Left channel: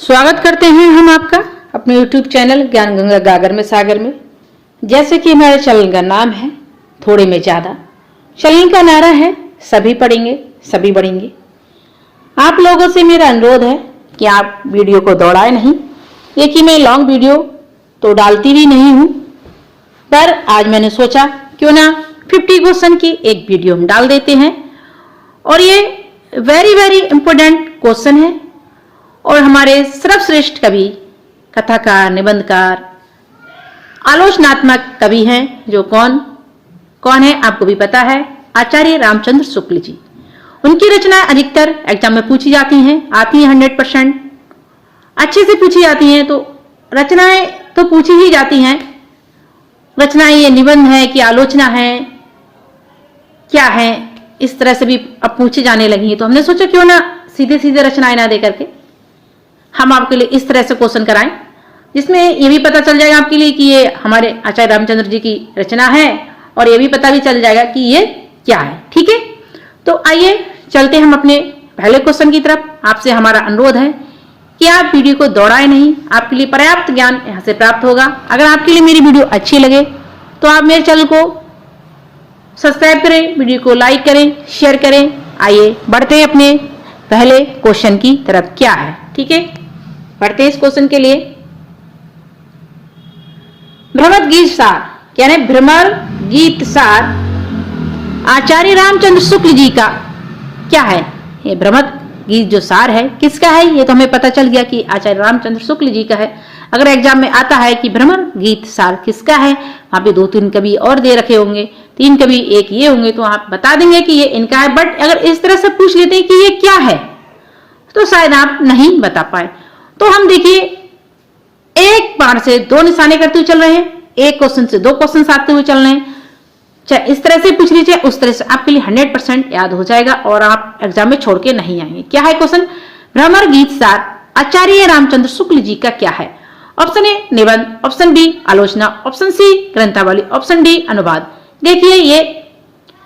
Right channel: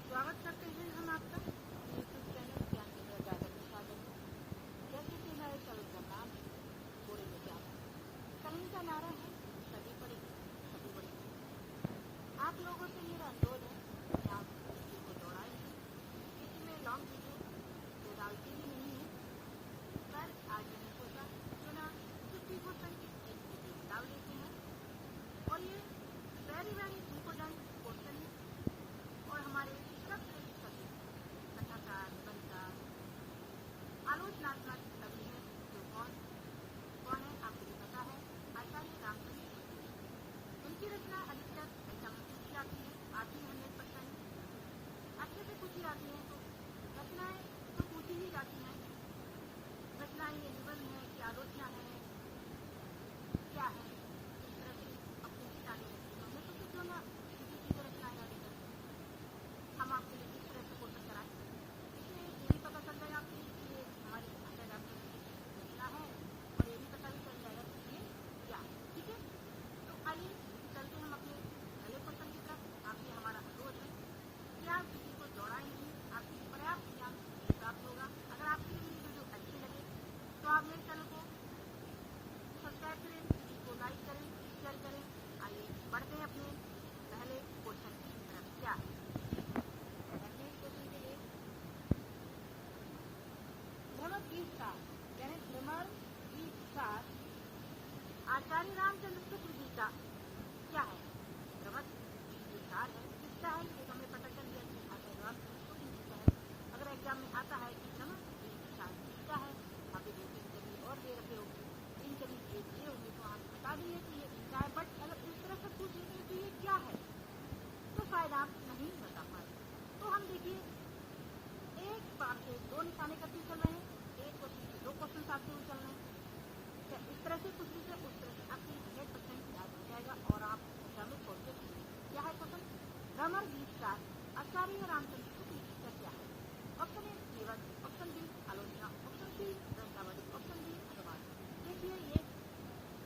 स्वागत करते हैं हम आपका अपने YouTube चैनल ज्ञान गंगा गागर में सागर में। जैसे कि हमारे चैनल का नाम है थोड़े में ज़्यादा। चैनल का नारा है सभी पढ़ेंगे सभी बढ़ेंगे। आप लोगों से मेरा अनुरोध है कि आप वीडियो को दौड़ाए नहीं। ये कि मैं लॉन्ग वीडियो तो डालती भी नहीं हूँ, पर आज मैंने सोचा क्यों ना 50 क्वेश्चन की एक वीडियो हम डाल देते हैं। और ये वेरी इंपॉर्टेंट क्वेश्चन है और हमारे सर्वश्रेष्ठ कवि, कथाकार, निबंधकार, आलोचनात्मक कवि हैं जो कौन है आपको भी पता है, आचार्य रामचंद्र शुक्ल जी। उनकी रचनाएं अधिकतर एग्जाम में पूछी जाती हैं, आती हैं 100% अच्छे से पूछी जाती हैं। तो रचनाएं तो पूछी ही जाती हैं। रचनाएं ये निबंध है कि आलोचना है, क्या है, इस तरह से भी अब पूछे जाने लगी है। तो हमने सोचा क्यों ना सीधे सीधे रचनाएं ना दे करके हम आपके लिए इस तरह से क्वेश्चन कराएं, जिसमें ये भी पता चल जाएगा आपके लिए कि ये हमारे आचार्य रामचंद्र जी की रचना है और ये भी पता भी चल जाएगा कि ये क्या है। ठीक है, तो आइए चलते हम अपने पहले क्वेश्चन की तरफ। आपसे हमारा अनुरोध है कि आप वीडियो को दौड़ाए नहीं, आपके लिए पर्याप्त ज्ञान यहाँ से प्राप्त होगा। अगर आपके लिए मेरी वीडियो अच्छी लगे तो आप मेरे चैनल को सब्सक्राइब करें, वीडियो को लाइक करें, शेयर करें। आइए बढ़ते हैं अपने पहले क्वेश्चन की तरफ। क्या है, ठीक है, पढ़ते हैं इस क्वेश्चन के लिए। भ्रमर गीत सार, यानी भ्रमर गीत सार आचार्य रामचंद्र शुक्ल जी का क्या है? ये भ्रमर गीत जो सार है किसका है? ये तो हमें पता चल गया कि आचार्य रामचंद्र शुक्ल जी का है। अगर एग्जाम में आता है कि भ्रमर गीत सार किसका है, वहां पे 2-3 कवि और दे रखे होंगे, 3 कवि एक ये होंगे, तो आप बता देंगे कि ये इनका है। बट अगर इस तरह से पूछ लेते हैं कि ये क्या है तो शायद आप नहीं बता पाए। तो हम देखिए एक बार से 2 निशाने करते हुए चल रहे हैं, एक क्वेश्चन से 2 क्वेश्चन आते हुए चल रहे हैं। चाहे इस तरह से पूछ लीजिए, उस तरह से आपके लिए 100% याद हो जाएगा और आप एग्जाम में छोड़ के नहीं आएंगे। क्या है क्वेश्चन? भ्रमर गीत सार आचार्य रामचंद्र शुक्ल जी का क्या है? ऑप्शन ए निबंध, ऑप्शन बी आलोचना, ऑप्शन सी ग्रंथावली, ऑप्शन डी अनुवाद। देखिए ये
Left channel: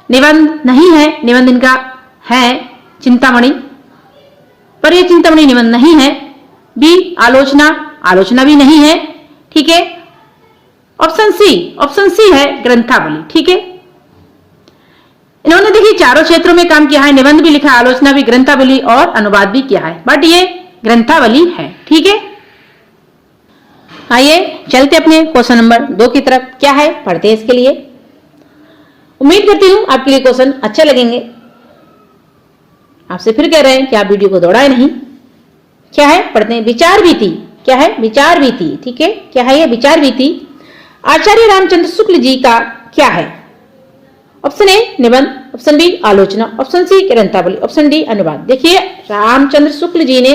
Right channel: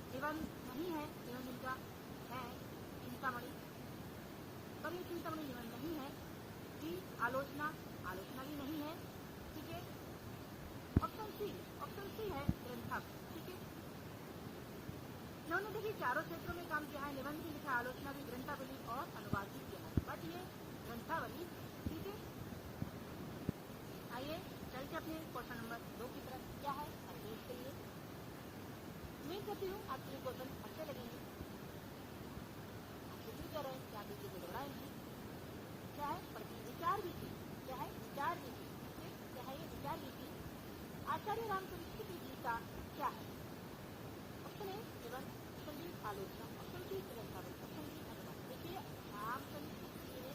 निबंध नहीं है, निबंध इनका है चिंतामणि, पर यह चिंतामणि निबंध नहीं है। बी आलोचना, आलोचना भी नहीं है। ठीक है, ऑप्शन सी है ग्रंथावली। ठीक है, इन्होंने देखिए चारों क्षेत्रों में काम किया है, निबंध भी लिखा, आलोचना भी, ग्रंथावली और अनुवाद भी किया है, बट ये ग्रंथावली है। ठीक है, आइए चलते अपने क्वेश्चन नंबर 2 की तरफ। क्या है, पढ़ते हैं इसके लिए। उम्मीद करती हूं आपके लिए क्वेश्चन अच्छे लगेंगे। आपसे फिर कह रहे हैं कि आप वीडियो को दौड़ाए नहीं। क्या है, पढ़ते हैं। विचार भीति, क्या है? विचार भीति। ठीक है, क्या है ये? विचार भीति आचार्य रामचंद्र शुक्ल जी का क्या है? ऑप्शन ए निबंध, ऑप्शन बी आलोचना, ऑप्शन सी ग्रंथावली, ऑप्शन डी अनुवाद। देखिए रामचंद्र शुक्ल जी ने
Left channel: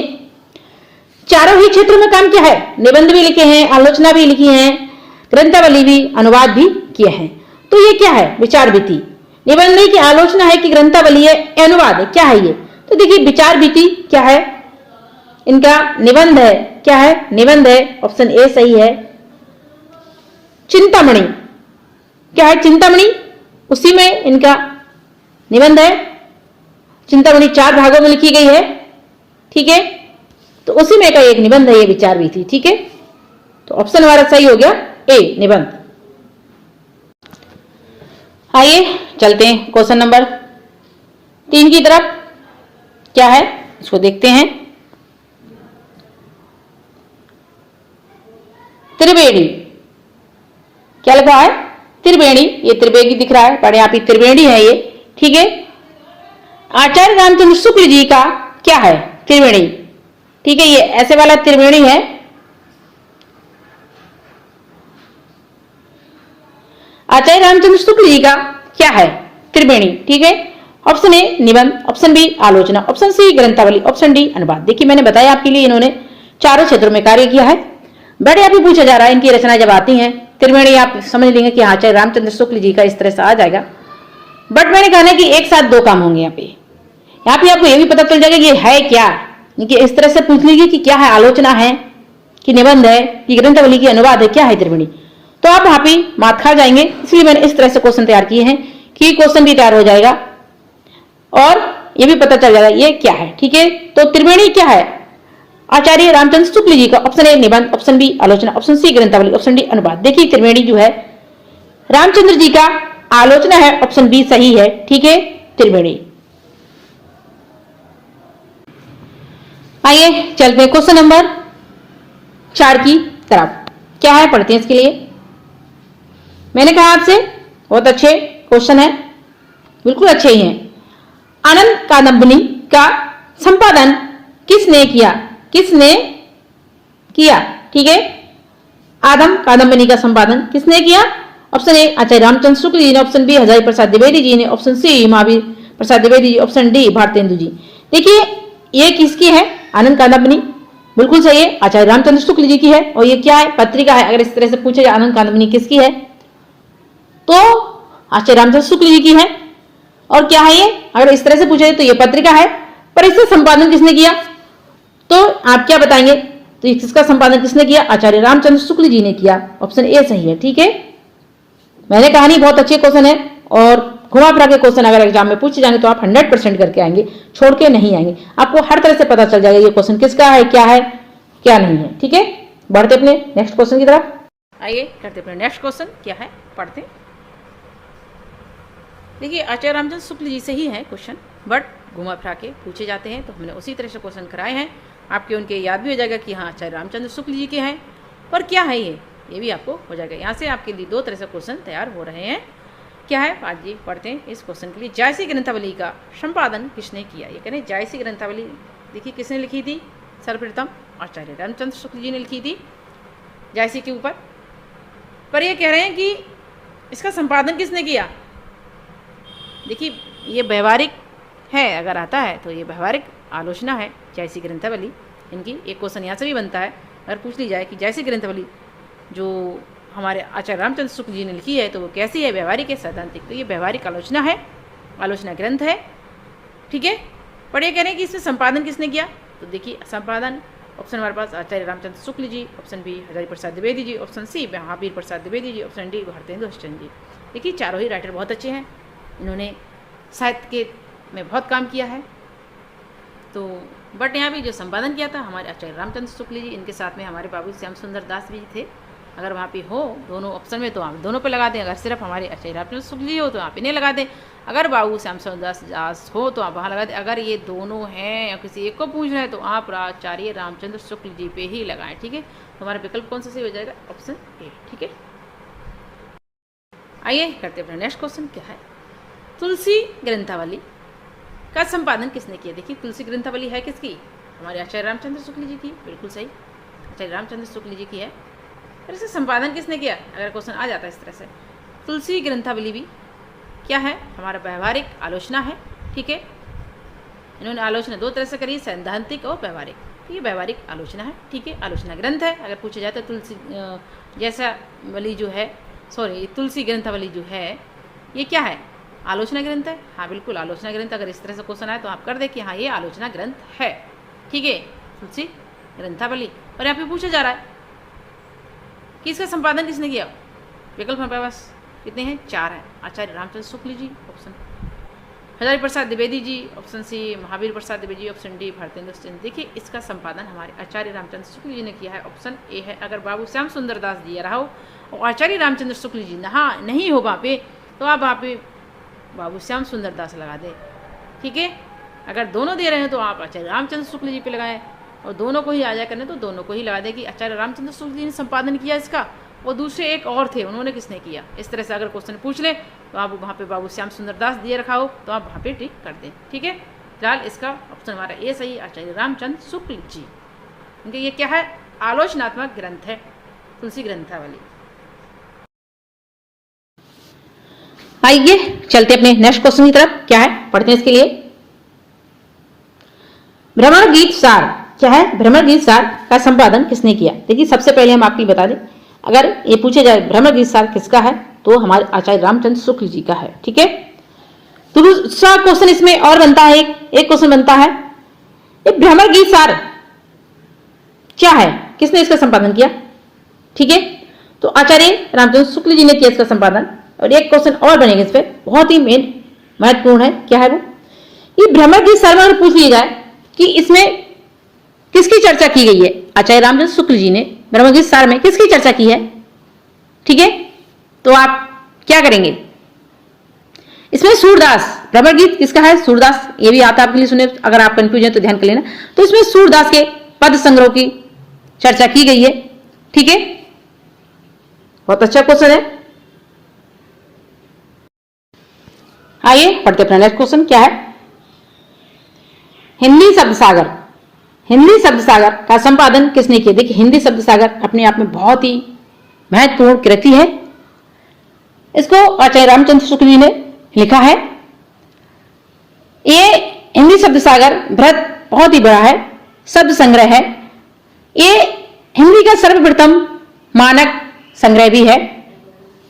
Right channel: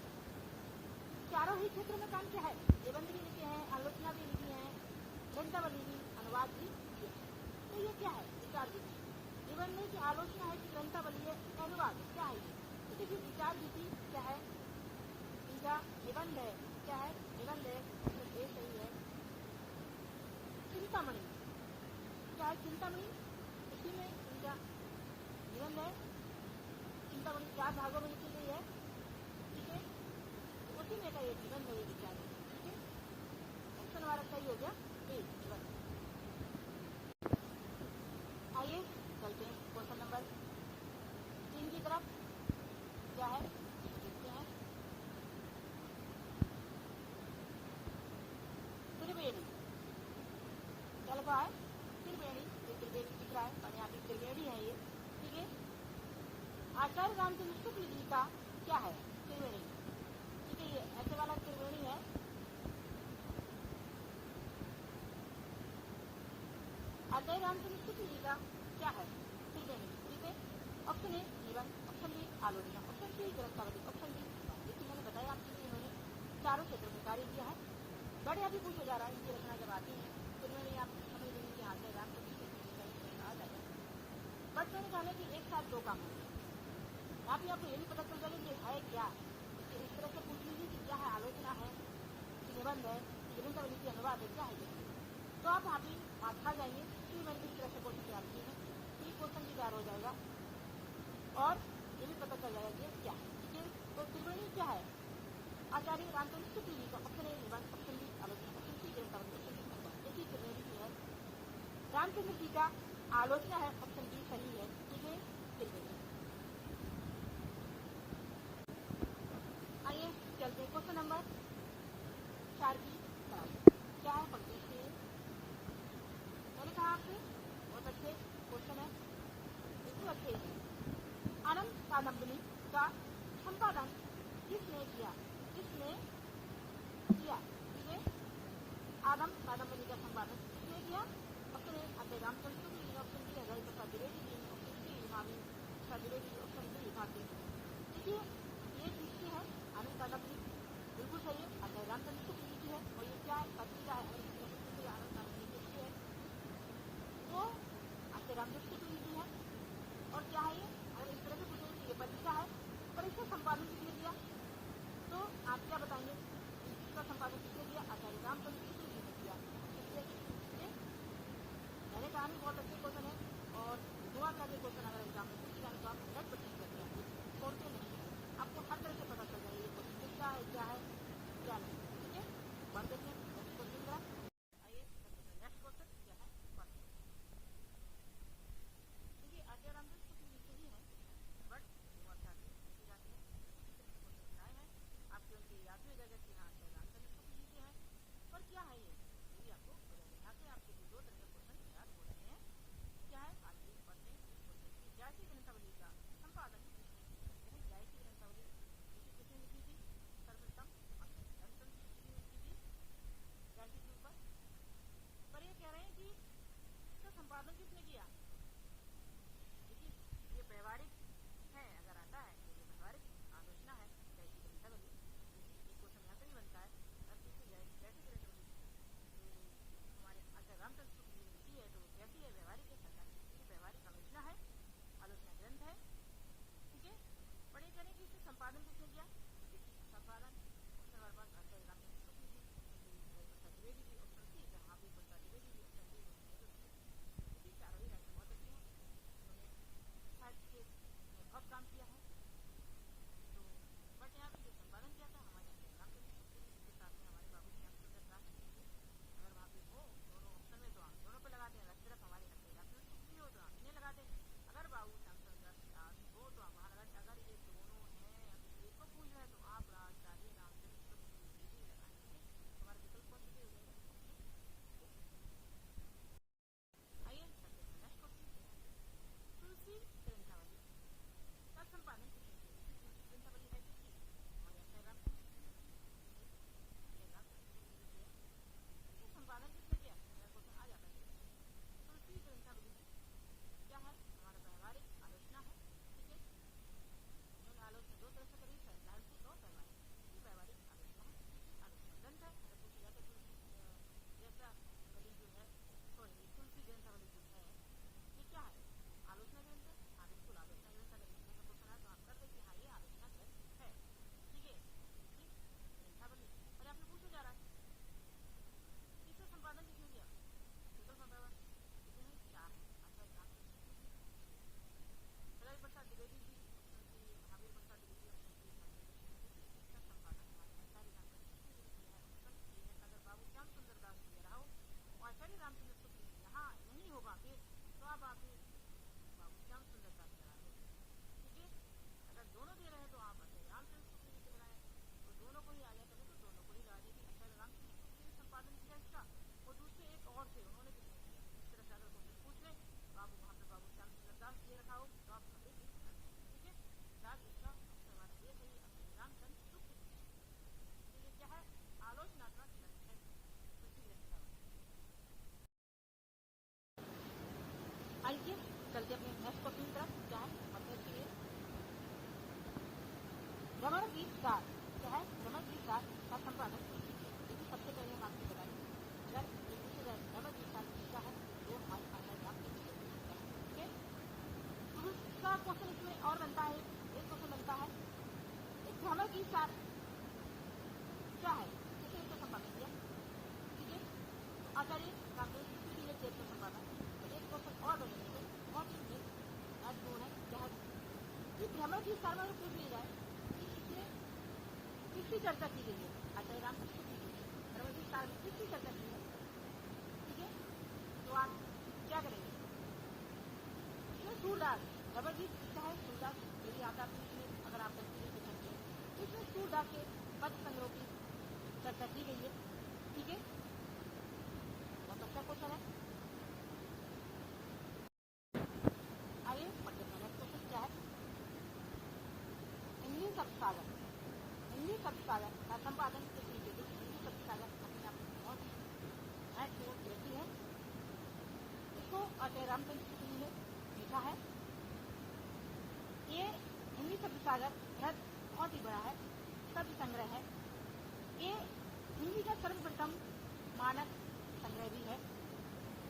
चारों ही क्षेत्रों में काम किया है, निबंध भी लिखे हैं, आलोचना भी लिखी है, ग्रंथावली भी, अनुवाद भी किए हैं। तो ये क्या है? विचार भीति। निबंध नहीं कि आलोचना है कि ग्रंथावली है, अनुवाद है, क्या है ये? तो देखिए विचार भीति क्या है? इनका निबंध है। क्या है? निबंध है, ऑप्शन ए सही है। चिंतामणि, क्या है? चिंतामणि, उसी में इनका निबंध है। चिंतामणि 4 भागों में लिखी गई है। ठीक है, तो उसी में का एक निबंध है ये विचार भीति। ठीक है, तो ऑप्शन हमारा सही हो गया ए निबंध। आइए चलते हैं क्वेश्चन नंबर 3 की तरफ। क्या है इसको देखते हैं। त्रिवेणी, क्या लिखा है? त्रिवेणी, ये त्रिवेणी दिख रहा है, बड़े यहाँ पे त्रिवेणी है ये। ठीक है, आचार्य रामचंद्र शुक्ल जी का क्या है? त्रिवेणी। ठीक है, ये ऐसे वाला त्रिवेणी है। आचार्य रामचंद्र शुक्ल जी का क्या है? त्रिवेणी। ठीक है, ऑप्शन ए निबंध, ऑप्शन बी आलोचना, ऑप्शन सी ग्रंथावली, ऑप्शन डी अनुवाद। देखिए मैंने बताया आपके लिए इन्होंने चारों क्षेत्रों में कार्य किया है। बड़े यहाँ पे पूछा जा रहा है, इनकी रचनाएं जब आती हैं त्रिवेणी, आप समझ लेंगे कि आचार्य रामचंद्र शुक्ल जी का इस तरह से आ जाएगा। बट मैंने कहा ना कि एक साथ 2 काम होंगे यहाँ पे आपको ये भी पता चल जाएगा कि ये है क्या, कि इस तरह से पूछ लीजिए कि क्या है, आलोचना है कि निबंध है कि ग्रंथावली की अनुवाद है, क्या है त्रिवेणी, तो आप वहां पे मात खा जाएंगे। इसलिए मैंने इस तरह से क्वेश्चन तैयार किए हैं कि क्वेश्चन भी तैयार हो जाएगा और ये भी पता चल जाएगा ये क्या है। ठीक है, तो त्रिवेणी क्या है? आचार्य रामचंद्र शुक्ल जी का। ऑप्शन ए निबंध, ऑप्शन बी आलोचना, ऑप्शन सी ग्रंथावली, ऑप्शन डी अनुवाद। देखिए त्रिवेणी जो है रामचंद्र जी का आलोचना है, ऑप्शन बी सही है, ठीक है, त्रिवेणी। आइए चलते हैं क्वेश्चन नंबर 4 की तरफ। क्या है पढ़ते हैं इसके लिए। मैंने कहा आपसे बहुत अच्छे क्वेश्चन है, बिल्कुल अच्छे ही हैं। आनंद कादंबनी का संपादन किसने किया? किसने किया? ठीक है, आदम कादंबनी का संपादन किसने किया? ऑप्शन ए आचार्य रामचंद्र शुक्ल जी ने, ऑप्शन बी हजारी प्रसाद द्विवेदी जी ने, option C Mahavir Prasad Dwivedi ji, option D Bharatendu ji. देखिए ये किसकी है? आनंद कादंबनी, बिल्कुल सही है, आचार्य रामचंद्र शुक्ल जी की है। और ये क्या है? पत्रिका है। अगर इस तरह से पूछे आनंद कादंबनी किसकी है तो आचार्य रामचंद्र शुक्ल जी की है। और क्या है ये? अगर इस तरह से पूछे तो ये पत्रिका है, पर इसका संपादन किसने किया? तो आप क्या बताएंगे? तो इसका संपादन किसने किया? आचार्य रामचंद्र शुक्ल जी ने किया। ऑप्शन ए सही है, ठीक है। मैंने कहा नहीं बहुत अच्छे क्वेश्चन है, और घुमा फिरा के क्वेश्चन अगर एग्जाम में पूछे जाएंगे तो आप 100% करके आएंगे, छोड़ के नहीं आएंगे। आपको हर तरह से पता चल जाएगा ये क्वेश्चन किसका है, क्या नहीं है, ठीक है। बढ़ते अपने नेक्स्ट क्वेश्चन की तरफ। आइए करते अपने नेक्स्ट क्वेश्चन। क्या है पढ़ते। देखिए आचार्य रामचंद्र शुक्ल जी से ही है क्वेश्चन, बट घुमा फिरा के पूछे जाते हैं, तो हमने उसी तरह से क्वेश्चन कराए हैं। आपके उनके याद भी हो जाएगा कि हाँ आचार्य रामचंद्र शुक्ल जी के हैं, पर क्या है ये भी आपको हो जाएगा। यहाँ से आपके लिए 2 तरह से क्वेश्चन तैयार हो रहे हैं। क्या है आज ये पढ़ते हैं इस क्वेश्चन के लिए। जायसी ग्रंथावली का संपादन किसने किया? ये कहें जायसी ग्रंथावली देखिए किसने लिखी थी? सर्वप्रथम आचार्य रामचंद्र शुक्ल जी ने लिखी थी जायसी के ऊपर। पर ये कह रहे हैं कि इसका संपादन किसने किया? देखिए ये व्यवहारिक है, अगर आता है तो ये व्यवहारिक आलोचना है जायसी ग्रंथावली इनकी। एक क्वेश्चन यहाँ से भी बनता है, अगर पूछ ली जाए कि जायसी ग्रंथावली जो हमारे आचार्य रामचंद्र शुक्ल जी ने लिखी है तो वो कैसी है? व्यवहारिक है, सैद्धांतिक? तो ये व्यवहारिक आलोचना है, आलोचना ग्रंथ है, ठीक है। पर ये कह रहे हैं कि इसमें संपादन किसने किया? तो देखिए संपादन ऑप्शन हमारे पास आचार्य Ramchandra Shukla ji, option B Hazari Prasad Dwivedi ji, option C Mahavir Prasad Dwivedi ji, option D Bharatendu ji. देखिए चारों ही राइटर बहुत अच्छे हैं, इन्होंने साहित्य के में बहुत काम किया है। तो बट यहाँ भी जो संपादन किया था हमारे आचार्य रामचंद्र शुक्ल जी, इनके साथ में हमारे बाबू श्याम सुंदर दास भी थे। अगर वहाँ पे हो दोनों ऑप्शन में तो आप दोनों पे लगा दें, अगर सिर्फ हमारे आचार्य रामचंद्र शुक्ल जी हो तो आप इन्हें लगा दें, अगर बाबू श्याम सुंदर दास हो तो आप वहाँ लगा दें। अगर ये दोनों हैं या किसी एक को पूछ रहे हैं तो आप आचार्य रामचंद्र शुक्ल जी पे ही लगाएं, ठीक है। तो हमारा विकल्प कौन सा सही हो जाएगा? ऑप्शन ए, ठीक है। आइए करते हैं अपना नेक्स्ट क्वेश्चन। क्या है? तुलसी ग्रंथावली का संपादन किसने किया? देखिए तुलसी ग्रंथावली है किसकी? हमारे आचार्य रामचंद्र शुक्ल जी की, बिल्कुल सही, आचार्य रामचंद्र शुक्ल जी की है। और इसका संपादन किसने किया? अगर क्वेश्चन आ जाता है इस तरह से। तुलसी ग्रंथावली भी क्या है? हमारा व्यवहारिक आलोचना है, ठीक है। इन्होंने आलोचना 2 तरह से करी, सैद्धांतिक और व्यवहारिक। ये व्यवहारिक आलोचना है, ठीक है, आलोचना ग्रंथ है। अगर पूछा जाए तो तुलसी जैसा वाली जो है, सॉरी तुलसी ग्रंथावली जो है ये क्या है? आलोचना ग्रंथ है। हाँ बिल्कुल आलोचना ग्रंथ। अगर इस तरह से क्वेश्चन आए तो आप कर दे कि हाँ ये आलोचना ग्रंथ है, ठीक है, तुलसी ग्रंथावली। और यहाँ पे पूछा जा रहा है कि इसका संपादन किसने किया? विकल्प हमारे पास कितने हैं? 4 हैं। आचार्य Ramchandra Shukla ji, option Hazari Prasad Dwivedi ji, option C Mahavir Prasad Dwivedi ji, option D Bharatendu ji. देखिए इसका संपादन हमारे आचार्य रामचंद्र शुक्ल जी ने किया है, ऑप्शन ए है। अगर बाबू श्याम सुंदर दास जी रहा हो और आचार्य रामचंद्र शुक्ल जी नहीं हो वहाँ पे तो आप वहाँ पे बाबू श्याम सुंदर दास लगा दे, ठीक है। अगर दोनों दे रहे हैं तो आप आचार्य रामचंद्र शुक्ल जी पे लगाएं, और दोनों को ही आ जाए करने तो दोनों को ही लगा दे कि आचार्य रामचंद्र शुक्ल जी ने संपादन किया इसका, और दूसरे एक और थे उन्होंने किसने किया। इस तरह से अगर क्वेश्चन पूछ ले तो आप वहाँ पे बाबू श्याम सुंदर दास दिए रखा हो तो आप वहाँ पे टिक कर दें, ठीक है। फिलहाल इसका ऑप्शन हमारा ए सही, आचार्य रामचंद्र शुक्ल जी, क्योंकि ये क्या है? आलोचनात्मक ग्रंथ है, तुलसी ग्रंथावली। आइए चलते अपने नेक्स्ट क्वेश्चन की तरफ। क्या है पढ़ते हैं इसके लिए। भ्रमर गीत सार क्या है? भ्रमर गीत सार का संपादन किसने किया? देखिए सबसे पहले हम आपको बता दें, अगर ये पूछे जाए भ्रमर गीत सार किसका है तो हमारे आचार्य रामचंद्र शुक्ल जी का है, ठीक है। तो दूसरा क्वेश्चन इसमें और बनता है, एक क्वेश्चन बनता है ये भ्रमर गीत सार क्या है, किसने इसका संपादन किया, ठीक है। तो आचार्य रामचंद्र शुक्ल जी ने किया इसका संपादन। और एक क्वेश्चन और बनेगा इस पर, बहुत ही मेन महत्वपूर्ण है, क्या है वो? ये भ्रमर गीत सार में अगर पूछ लिया जाए कि इसमें किसकी चर्चा की गई है? आचार्य रामचंद्र शुक्ल जी ने ब्रह्मगीत सार में किसकी चर्चा की है? ठीक है, तो आप क्या करेंगे? इसमें सूरदास, ब्रह्मगीत किसका है? सूरदास, ये भी आता आपके लिए सुने, अगर आप कंफ्यूज हैं तो ध्यान कर लेना। तो इसमें सूरदास के पद संग्रह की चर्चा की गई है। ठीक है, बहुत अच्छा क्वेश्चन है। आइए पढ़ते अपना नेक्स्ट क्वेश्चन क्या है। हिंदी शब्द सागर, हिंदी शब्द सागर का संपादन किसने किया? देखिए, हिंदी शब्द सागर अपने आप में बहुत ही महत्वपूर्ण कृति है। इसको आचार्य रामचंद्र शुक्ल जी ने लिखा है। ये हिंदी शब्द सागर बृहत बहुत ही बड़ा है, शब्द संग्रह है। ये हिंदी का सर्वप्रथम मानक संग्रह भी है।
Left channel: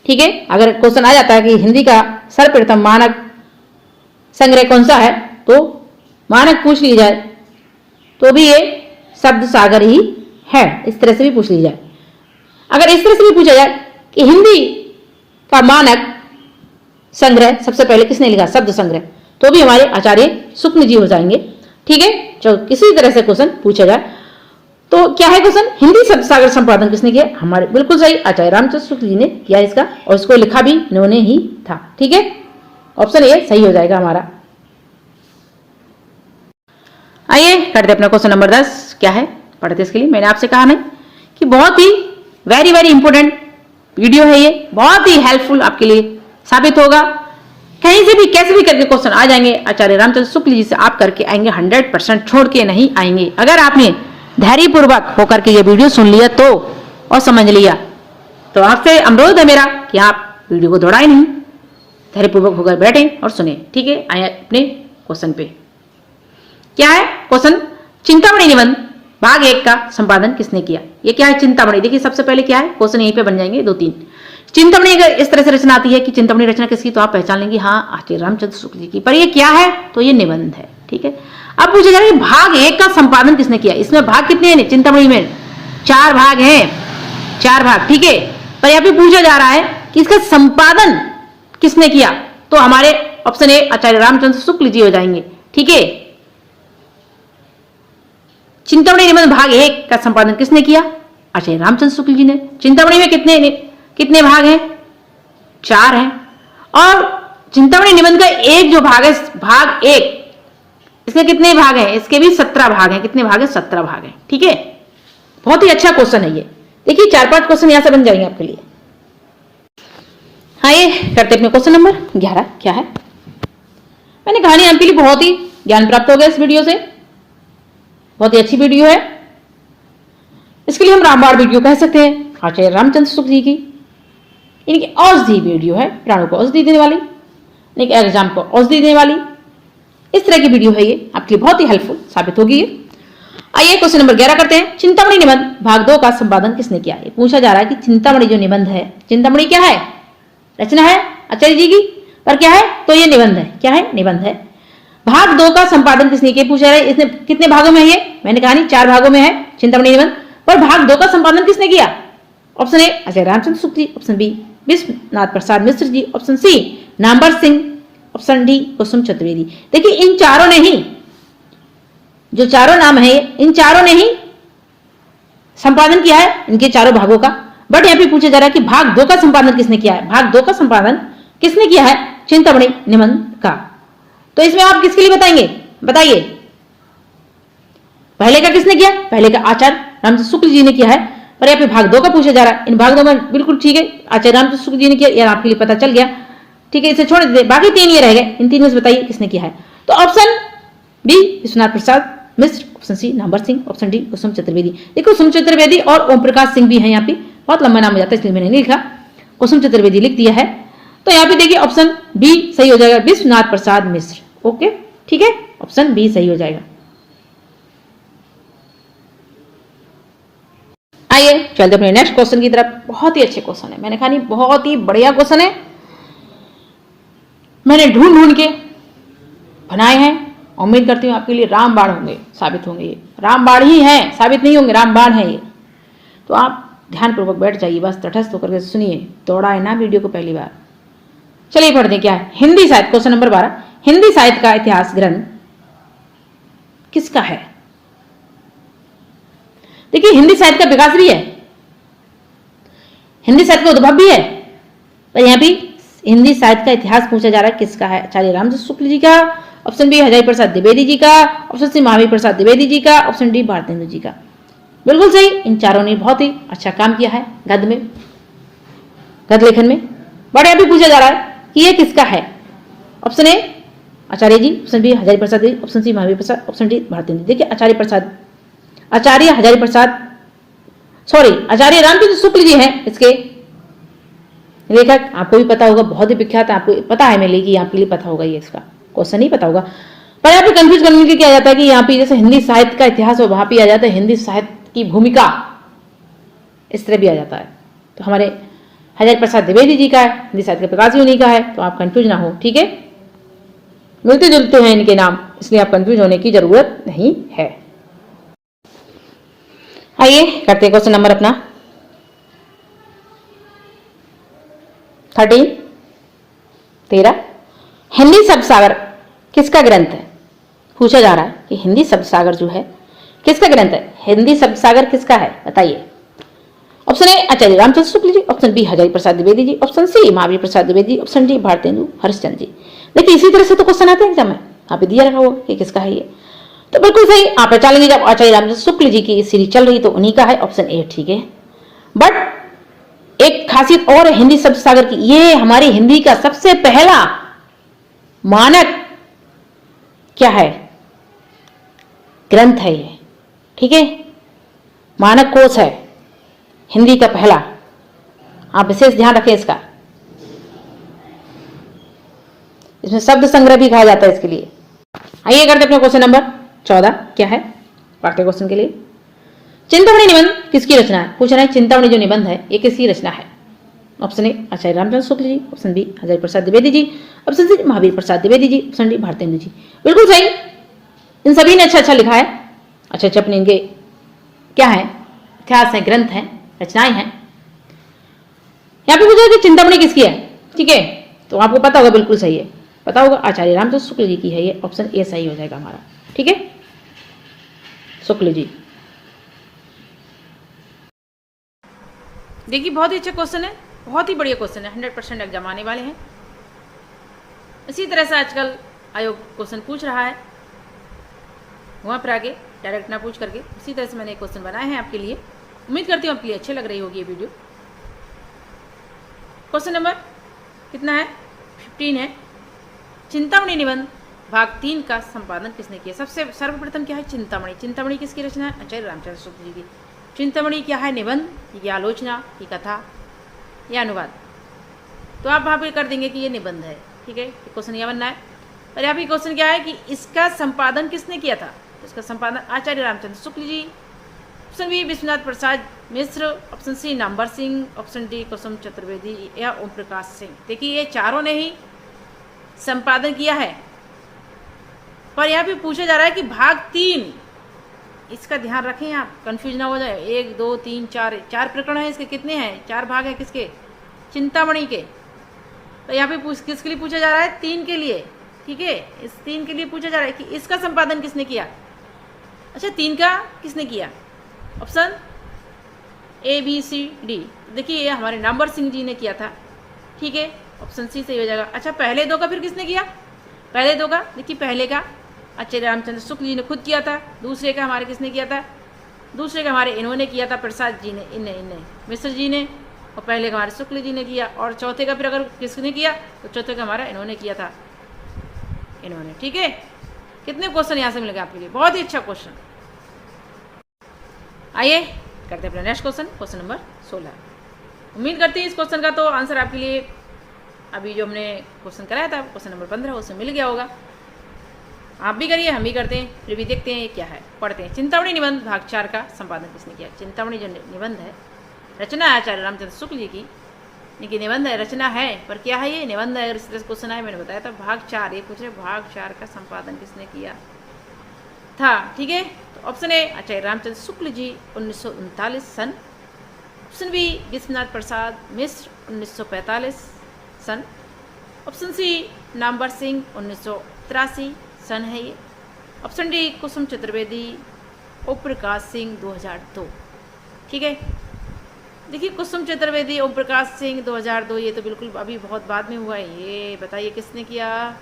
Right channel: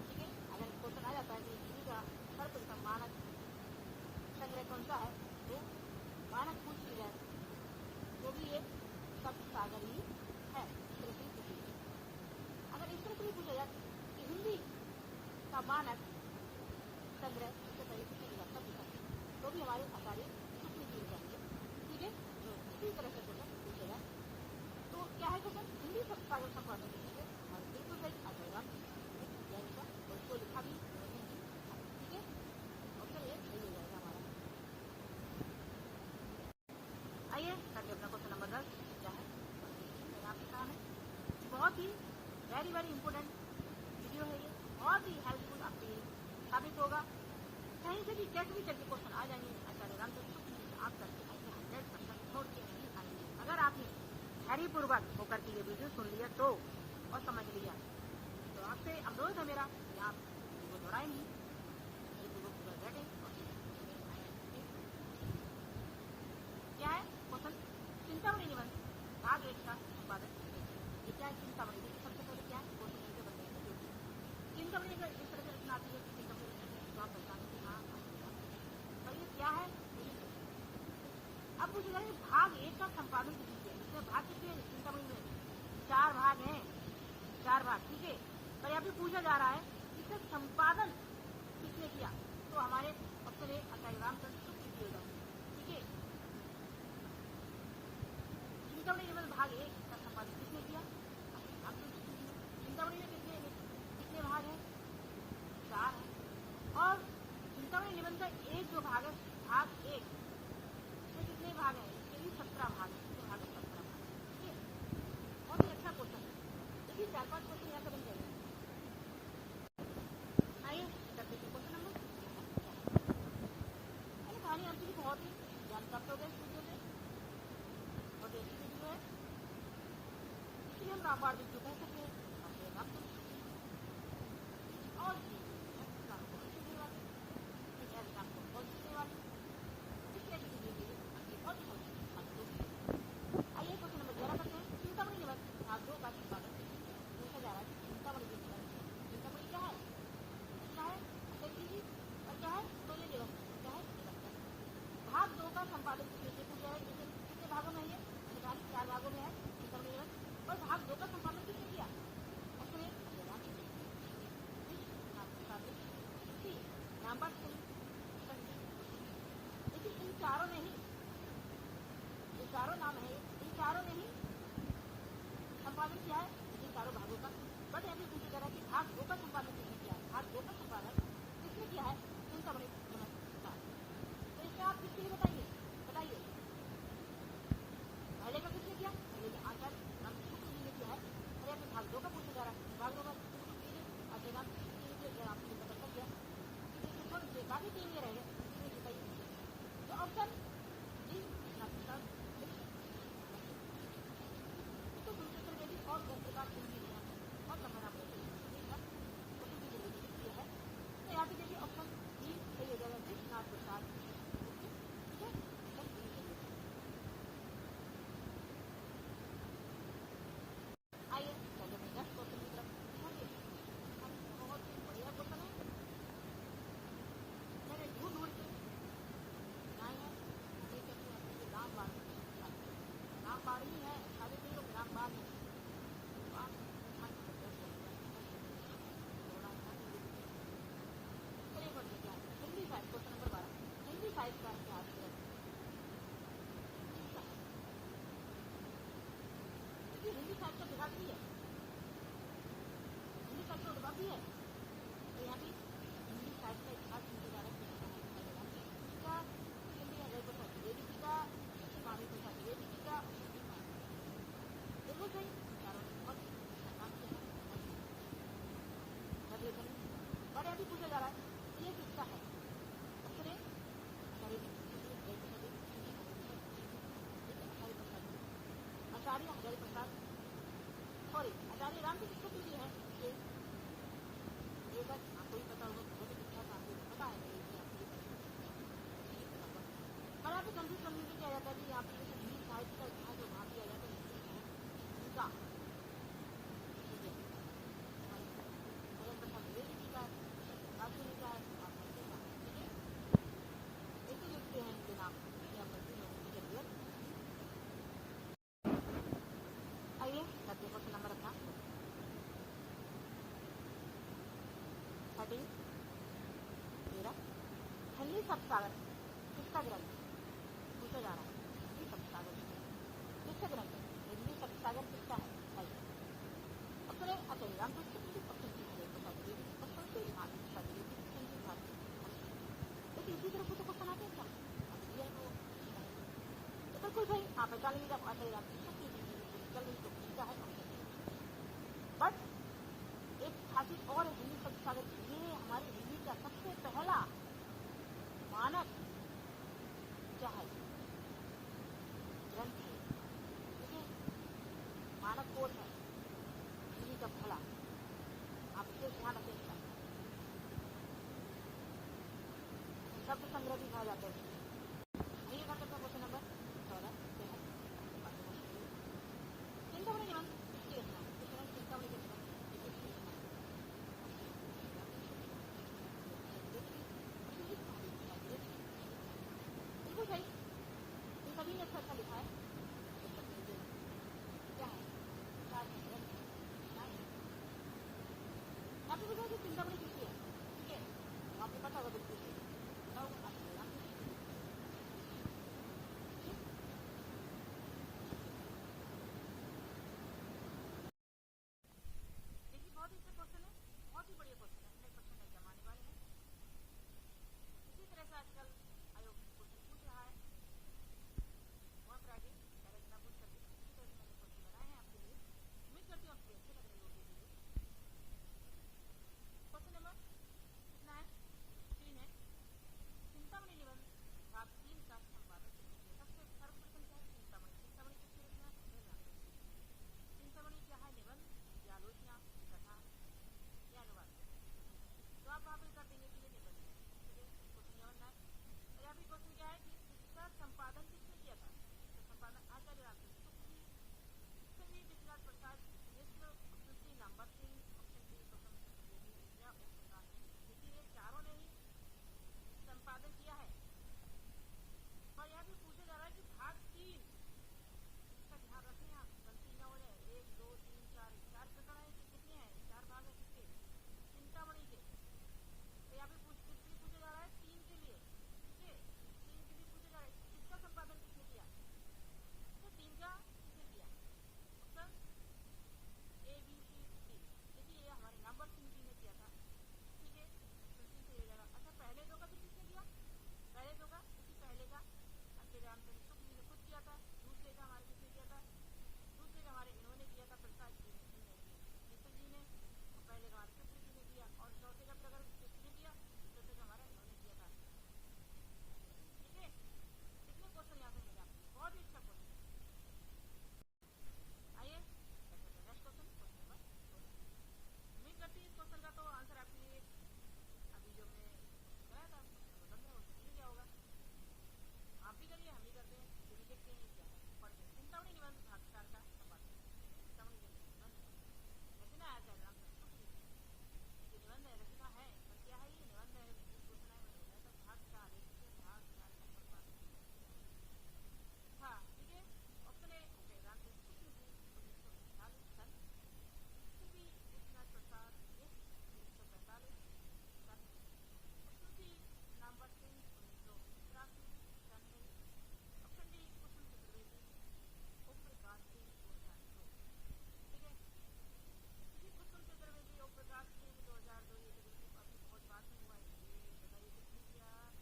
ठीक है, अगर क्वेश्चन आ जाता है कि हिंदी का सर्वप्रथम मानक संग्रह कौन सा है, तो मानक पूछ ली जाए तो भी ये शब्द सागर ही है। इस तरह से भी पूछ ली जाए, अगर इस तरह से भी पूछा जाए कि हिंदी का मानक संग्रह सबसे पहले किसने लिखा, शब्द संग्रह, तो भी हमारे आचार्य शुक्ल जी हो जाएंगे। ठीक है, चलो किसी तरह से क्वेश्चन पूछा जाए तो क्या है क्वेश्चन? हिंदी शब्द सागर संपादन किसने किया? हमारे बिल्कुल सही, आचार्य रामचंद्र शुक्ल जी ने किया इसका, और इसको लिखा भी इन्होंने ही था। ठीक है, ऑप्शन ए सही हो जाएगा हमारा। आइए करते अपना क्वेश्चन नंबर 10 क्या है, पढ़ते इसके लिए। मैंने आपसे कहा नहीं कि बहुत ही वेरी वेरी इंपॉर्टेंट वीडियो है ये, बहुत ही हेल्पफुल आपके लिए साबित होगा। कहीं से भी कैसे भी करके क्वेश्चन आ जाएंगे, आचार्य रामचंद्र शुक्ल जी से आप करके आएंगे, 100% छोड़ के नहीं आएंगे। अगर आपने धैर्यपूर्वक होकर के ये वीडियो सुन लिया तो और समझ लिया, तो आपसे अनुरोध है मेरा कि आप वीडियो को दौड़ाए नहीं, धैर्यपूर्वक होकर बैठे और सुने। ठीक है, आए अपने क्वेश्चन पे। क्या है क्वेश्चन? चिंतामणि निबंध भाग 1 का संपादन किसने किया? ये क्या है चिंतामणि? देखिए सबसे पहले क्या है, क्वेश्चन यहीं पे बन जाएंगे 2-3। चिंतामणि अगर इस तरह से रचना आती है कि चिंतामणि रचना किसकी, तो आप पहचान लेंगे हाँ आचार्य रामचंद्र शुक्ल जी की। पर ये क्या है? तो ये निबंध है। ठीक है, अब पूछा जा रहा है भाग 1 का संपादन किसने किया? इसमें भाग कितने हैं चिंतामणि में? 4 भाग हैं, 4 भाग। ठीक है, पर यहाँ पे पूछा जा रहा है कि इसका संपादन किसने किया, तो हमारे ऑप्शन ए आचार्य रामचंद्र शुक्ल जी हो जाएंगे। ठीक है, चिंतामणि निबंध भाग 1 का संपादन किसने किया? आचार्य रामचंद्र शुक्ल जी ने। चिंतामणि में कितने भाग हैं? 4 हैं। और चिंतामणि निबंध का एक जो भाग है, भाग 1, इसके कितने भाग हैं? इसके भी 17 भाग हैं। कितने भाग हैं? 17 भाग हैं। ठीक है, बहुत ही अच्छा क्वेश्चन है ये। देखिए 4-5 क्वेश्चन यहां से बन जाएंगे आपके लिए। आइए करते अपने क्वेश्चन नंबर 11 क्या है। मैंने कहानी आपके लिए बहुत ही ज्ञान प्राप्त हो गया इस वीडियो से, बहुत ही अच्छी वीडियो है। इसके लिए हम रामबाण वीडियो कह सकते हैं आचार्य रामचंद्र शुक्ल जी की। इनकी औषधि वीडियो है, प्राणों को औषधि देने वाली, एक एग्जाम को औषधि देने वाली, इस तरह की वीडियो है ये, आपके लिए बहुत ही हेल्पफुल साबित होगी ये। आइए क्वेश्चन नंबर 11 करते हैं। चिंतामणि निबंध भाग 2 का संपादन किसने किया? ये पूछा जा रहा है कि चिंतामणि जो निबंध है, चिंतामणि क्या है? रचना है आचार्य जी की, पर क्या है? तो ये निबंध है। क्या है? निबंध है। भाग 2 का संपादन किसने किया पूछा रहा है। इसने कितने भागों में है ये? मैंने कहा नहीं 4 भागों में है चिंतामणि निबंध, पर भाग 2 का संपादन किसने किया? Option A Acharya Ramchandra Shukla ji, option B Vishwanath Prasad Mishra ji, option C Namvar Singh, option D Kusum Chaturvedi. देखिए इन चारों ने ही, जो चारों नाम है इन चारों ने ही संपादन किया है इनके चारों भागों का। बट यहाँ पे पूछा जा रहा है कि भाग 2 का संपादन किसने किया है? भाग 2 का संपादन किसने किया है? चिंतामणि निबंध का। तो इसमें आप किसके लिए बताएंगे? बताइए, पहले का किसने किया? पहले का आचार्य रामचंद्र शुक्ल जी ने किया है, पर यहाँ पे भाग 2 का पूछा जा रहा है। इन भाग 2 में बिल्कुल ठीक है आचार्य रामचंद्र शुक्ल जी ने किया, यार आपके लिए पता चल गया। ठीक है, इसे छोड़ देते, बाकी 3 ये रह गए, इन 3 में से बताइए किसने किया है। तो option B Vishwanath Prasad Mishra, option C Namvar Singh, option D Kusum Chaturvedi. देखो कुसुम चतुर्वेदी और ओम प्रकाश सिंह भी है यहाँ पे, बहुत लंबा नाम हो जाता है इसलिए मैंने नहीं लिखा, कुसुम चतुर्वेदी लिख दिया है। तो यहाँ पे देखिए ऑप्शन बी सही हो जाएगा, विश्वनाथ प्रसाद मिश्र। ओके ठीक है, ऑप्शन बी सही हो जाएगा। आइए चलते अपने नेक्स्ट क्वेश्चन की तरफ। बहुत ही अच्छे क्वेश्चन है, मैंने कहा नहीं बहुत ही बढ़िया क्वेश्चन है, मैंने ढूंढ के बनाए हैं। उम्मीद करती हूँ आपके लिए रामबाण होंगे, साबित होंगे। ये रामबाण ही है, साबित नहीं होंगे, रामबाण है ये। तो आप ध्यानपूर्वक बैठ जाइए, बस तटस्थ होकर के सुनिए, दौड़ाए ना वीडियो को पहली बार। चलिए पढ़ते हैं क्या है। हिंदी साहित्य, क्वेश्चन नंबर 12, हिंदी साहित्य का इतिहास ग्रंथ किसका है? देखिए हिंदी साहित्य का विकास भी है, हिंदी साहित्य का उद्भव भी है, पर यहाँ भी हिंदी साहित्य का इतिहास पूछा जा रहा है, किसका है? आचार्य रामचंद्र शुक्ल जी का, ऑप्शन बी हजारी प्रसाद द्विवेदी जी का, ऑप्शन सी महावीर प्रसाद द्विवेदी जी का, ऑप्शन डी भारतेंदु जी का। बिल्कुल सही, इन चारों ने बहुत ही अच्छा काम किया है गद्य में, गद्य लेखन में। बड़े अभी पूछा जा रहा है कि ये किसका है? Option A Acharya ji, option B Hazari Prasad ji, option C Mahavir Prasad, option D Bharatendu. देखिए आचार्य रामचंद्र शुक्ल जी हैं इसके लेखक। आपको भी पता होगा, बहुत ही विख्यात है, आपको पता है मेरे लिए कि आपके लिए पता होगा, ये इसका क्वेश्चन नहीं पता होगा। पर यहाँ पे कंफ्यूज करने के लिए क्या जाता है कि यहाँ पे जैसे हिंदी साहित्य का इतिहास और वहां पे आ जाता है हिंदी साहित्य की भूमिका, इस तरह भी आ जाता है। तो हमारे हजारी प्रसाद द्विवेदी जी का है, हिंदी साहित्य का विकास भी उन्हीं का है, तो आप कंफ्यूज ना हो, ठीक है। मिलते जुलते हैं इनके नाम, इसलिए आप कंफ्यूज होने की जरूरत नहीं है। आइए करते हैं क्वेश्चन नंबर अपना 13। हिंदी शब्द सागर किसका ग्रंथ है? पूछा जा रहा है कि हिंदी शब्द सागर जो है किसका ग्रंथ है? हिंदी शब्द सागर किसका है, बताइए। Option A Acharya Ramchandra Shukla ji, option B Hazari Prasad Dwivedi ji, option C Mahavir Prasad Dwivedi ji, option D Bharatendu Harishchandra ji. देखिए इसी तरह से तो क्वेश्चन आते हैं एग्जाम में, आप दिया रखा होगा कि किसका है ये, तो बिल्कुल सही आप पहचानेंगे। जब आचार्य रामचंद्र शुक्ल जी की सीरीज चल रही तो उन्हीं का है, ऑप्शन ए ठीक है। बट एक खासियत और है हिंदी शब्द सागर की, ये हमारी हिंदी का सबसे पहला मानक क्या है? ग्रंथ है ये, ठीक है, मानक कोश है हिंदी का पहला, आप विशेष ध्यान रखें इसका। इसमें शब्द संग्रह भी कहा जाता है इसके लिए। आइए करते अपने क्वेश्चन नंबर 14 क्या है पाठ्य क्वेश्चन के लिए। चिंतामणि निबंध किसकी रचना है? पूछ रहे हैं चिंतामणि जो निबंध है ये किसकी रचना है? Option A Acharya Ramchandra Shukla ji, option B Hazari Prasad Dwivedi ji, option C Mahavir Prasad Dwivedi ji, option D Bharatendu ji. बिल्कुल सही, इन सभी ने अच्छा लिखा है, अच्छे अपने इनके क्या है, इतिहास है, ग्रंथ है, रचनाएं हैं। यहाँ पे पूछा कि चिंतामणि किसकी है, ठीक है, तो आपको पता होगा, बिल्कुल सही है, पता होगा आचार्य रामचंद्र शुक्ल जी की है ये, ऑप्शन ए सही हो जाएगा हमारा, ठीक है, शुक्ल जी। देखिए बहुत ही अच्छा क्वेश्चन है, बहुत ही बढ़िया क्वेश्चन है, 100% एग्जाम आने वाले हैं। इसी तरह से आजकल आयोग क्वेश्चन पूछ रहा है, वहां पर आगे डायरेक्ट ना पूछ करके उसी तरह से मैंने क्वेश्चन बनाए हैं आपके लिए। उम्मीद करती हूँ आपके लिए अच्छी लग रही होगी ये वीडियो। क्वेश्चन नंबर कितना है? 15 है। चिंतामणि निबंध भाग 3 का संपादन किसने किया? सबसे सर्वप्रथम क्या है? चिंतामणि। चिंतामणि किसकी रचना है? आचार्य रामचंद्र शुक्ल जी की। चिंतामणि क्या है? निबंध, ये आलोचना, ये कथा, या अनुवाद। तो आप वहाँ पे कर देंगे कि ये निबंध है, ठीक है, क्वेश्चन यह बनना है। और यहाँ पे क्वेश्चन क्या है कि इसका संपादन किसने किया था? इसका संपादन Acharya Ramchandra Shukla ji, option B Vishwanath Prasad Mishra, option C Namvar Singh, option D Kusum Chaturvedi या ओम प्रकाश सिंह। देखिए ये चारों ने ही संपादन किया है, पर यहाँ पे पूछा जा रहा है कि भाग 3, इसका ध्यान रखें आप, कंफ्यूज ना हो जाए। 1 2 3 4 प्रकरण है इसके, कितने हैं? 4 भाग हैं किसके? चिंतामणि के। तो यहाँ पे किसके लिए पूछा जा रहा है? 3 के लिए, ठीक है, इस 3 के लिए पूछा जा रहा है कि इसका संपादन किसने किया। अच्छा 3 का किसने किया? Option A B C D. देखिए ये हमारे नामवर सिंह जी ने किया था, ठीक है, ऑप्शन सी सही हो जाएगा। अच्छा पहले 2 का फिर किसने किया? पहले 2 का, देखिए पहले का आचार्य रामचंद्र शुक्ल जी ने खुद किया था। दूसरे का हमारे किसने किया था? दूसरे का हमारे इन्होंने किया था, प्रसाद जी ने, इन्हें मिश्र जी ने, और पहले का हमारे शुक्ल जी ने किया। और चौथे का फिर अगर किसने किया तो चौथे का हमारा इन्होंने किया था, इन्होंने, ठीक है। कितने क्वेश्चन यहाँ से मिलेगा आपके लिए, बहुत ही अच्छा क्वेश्चन। आइए करते हैं अपना नेक्स्ट क्वेश्चन, क्वेश्चन नंबर 16। उम्मीद करती हैं इस क्वेश्चन का तो आंसर आपके लिए अभी जो हमने क्वेश्चन कराया था क्वेश्चन नंबर 15 उसमें मिल गया होगा। आप भी करिए, हम भी करते हैं, फिर भी देखते हैं ये क्या है, पढ़ते हैं। चिंतामणि निबंध भाग 4 का संपादन किसने किया? चिंतामणि जो निबंध है, रचना है आचार्य रामचंद्र शुक्ल जी की, इनकी निबंध है, रचना है, पर क्या है ये? निबंध है। अगर इस तरह से क्वेश्चन आए, मैंने बताया था भाग 4, ये पूछ रहे भाग 4 का संपादन किसने किया था, ठीक है। तो ऑप्शन ए आचार्य रामचंद्र शुक्ल जी 1939 सन, ऑप्शन बी विश्वनाथ प्रसाद मिश्र 1945 सन, ऑप्शन सी नामवर सिंह 1983 सन है ये, ऑप्शन डी कुसुम चतुर्वेदी ओम प्रकाश सिंह 2002। ठीक है, देखिए कुसुम चतुर्वेदी, ओम प्रकाश सिंह 2002, ये तो बिल्कुल अभी बहुत बाद में हुआ है। ये बताइए किसने किया,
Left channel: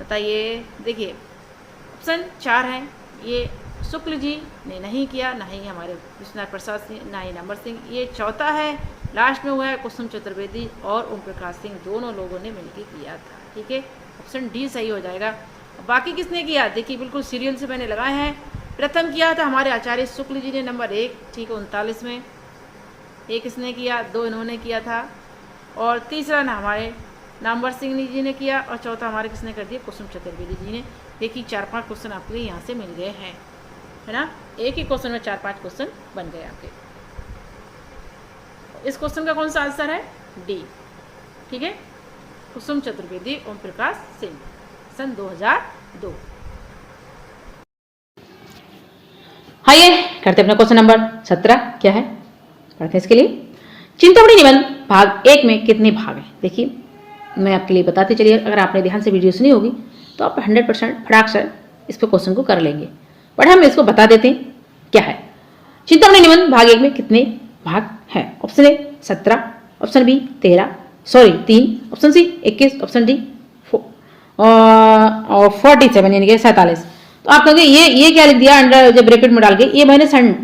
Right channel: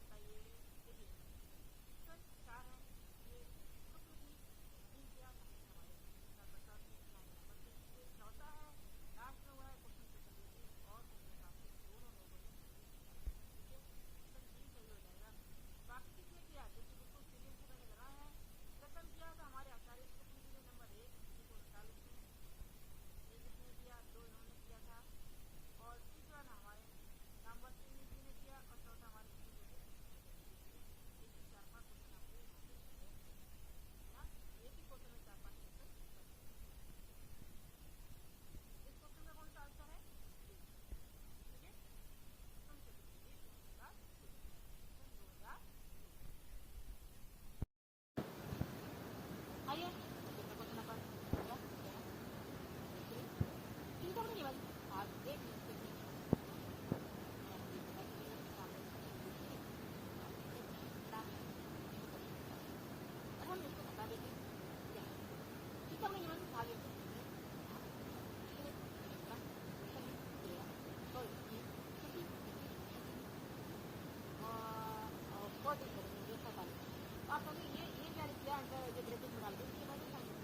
बताइए। देखिए ऑप्शन 4 हैं, ये शुक्ल जी ने नहीं किया, ना ही हमारे विश्वनाथ प्रसाद सिंह, ना ही नंबर सिंह। ये चौथा है, लास्ट में हुआ है कुसुम चतुर्वेदी और ओम प्रकाश सिंह, दोनों लोगों ने मिलकर किया था। ठीक है, ऑप्शन डी सही हो जाएगा। बाकी किसने किया, देखिए बिल्कुल सीरियल से मैंने लगाए हैं। प्रथम किया था हमारे आचार्य शुक्ल जी ने, नंबर 1, ठीक है, 39 में। एक इसने किया, 2 इन्होंने किया था, और तीसरा ना हमारे नंबर सिंह जी ने किया, और चौथा हमारे किसने कर दिया, कुसुम चतुर्वेदी जी ने। देखिए 4-5 क्वेश्चन आपके यहाँ से मिल गए हैं, है ना। एक ही क्वेश्चन में 4-5 क्वेश्चन बन गए आपके। इस क्वेश्चन का कौन सा आंसर है, डी। ठीक है, कुसुम चतुर्वेदी, ओम प्रकाश सिंह, सन 2002। आइए करते अपना क्वेश्चन नंबर 17। क्या है, करते हैं इसके लिए। चिंतामणि निबंध भाग 1 में कितने भाग हैं। देखिए मैं आपके लिए बताते चलिए, अगर आपने ध्यान से वीडियो सुनी होगी तो आप 100% फटाक से इस पर क्वेश्चन को कर लेंगे, बट हम इसको बता देते हैं क्या है। चिंतामणि निबंध भाग 1 में कितने भाग हैं। Option A 17, option B 3, option C 21, option D 47 यानी कि 47। तो आप कहोगे ये क्या लिख दिया अंडर, जब ब्रैकेट में डाल के, ये मैंने सन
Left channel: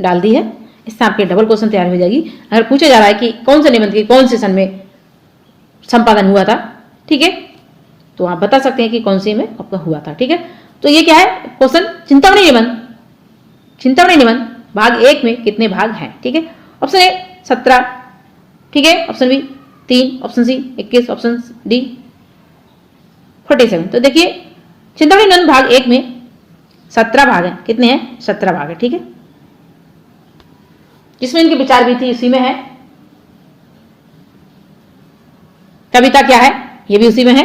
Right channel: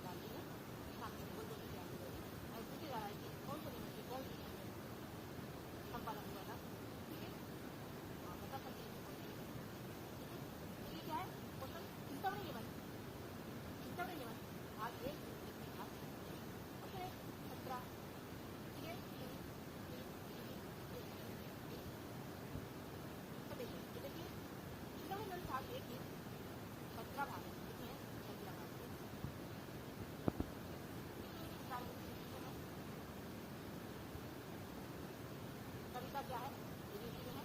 डाल दी है, इससे आपके डबल क्वेश्चन तैयार हो जाएगी। अगर पूछा जा रहा है कि कौन से निबंध की कौन से सन में संपादन हुआ था, ठीक है, तो आप बता सकते हैं कि कौन से में आपका हुआ था। ठीक है, तो ये क्या है क्वेश्चन, चिंतामणि निबंध भाग 1 में कितने भाग हैं। ठीक है, ऑप्शन ए 17, ठीक है, option B 3, option C 21, option D 47। तो देखिए चिंतामणि निबंध भाग 1 में 17 भाग हैं। कितने हैं, 17 भाग है। ठीक है, जिसमें इनके विचार भी थी उसी में है। कविता क्या है, ये भी उसी में है।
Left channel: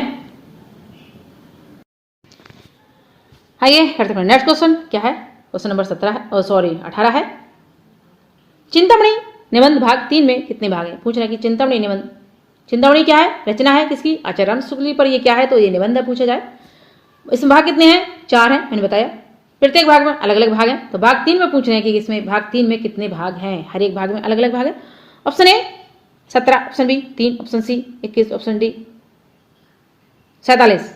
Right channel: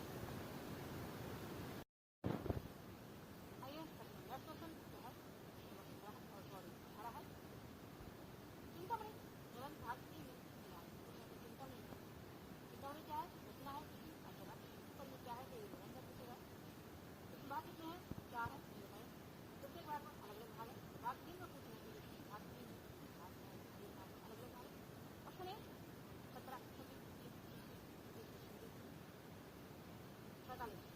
आइए करते हैं नेक्स्ट क्वेश्चन। क्या है, क्वेश्चन नंबर 18 है। चिंतामणि निबंध भाग 3 में कितने भाग हैं। पूछ रहा है कि चिंतामणि क्या है, रचना है किसकी, आचार्य रामचंद्र शुक्ल जी पर। ये क्या है, तो ये निबंध है, पूछा जाए। इसमें भाग कितने हैं, 4 हैं, मैंने बताया। प्रत्येक भाग में अलग अलग भाग हैं। तो भाग 3 में पूछ रहे हैं कि इसमें भाग 3 में कितने भाग हैं, हर एक भाग में अलग अलग भाग है। Option A 17, option B 3, option C 21, option D 47।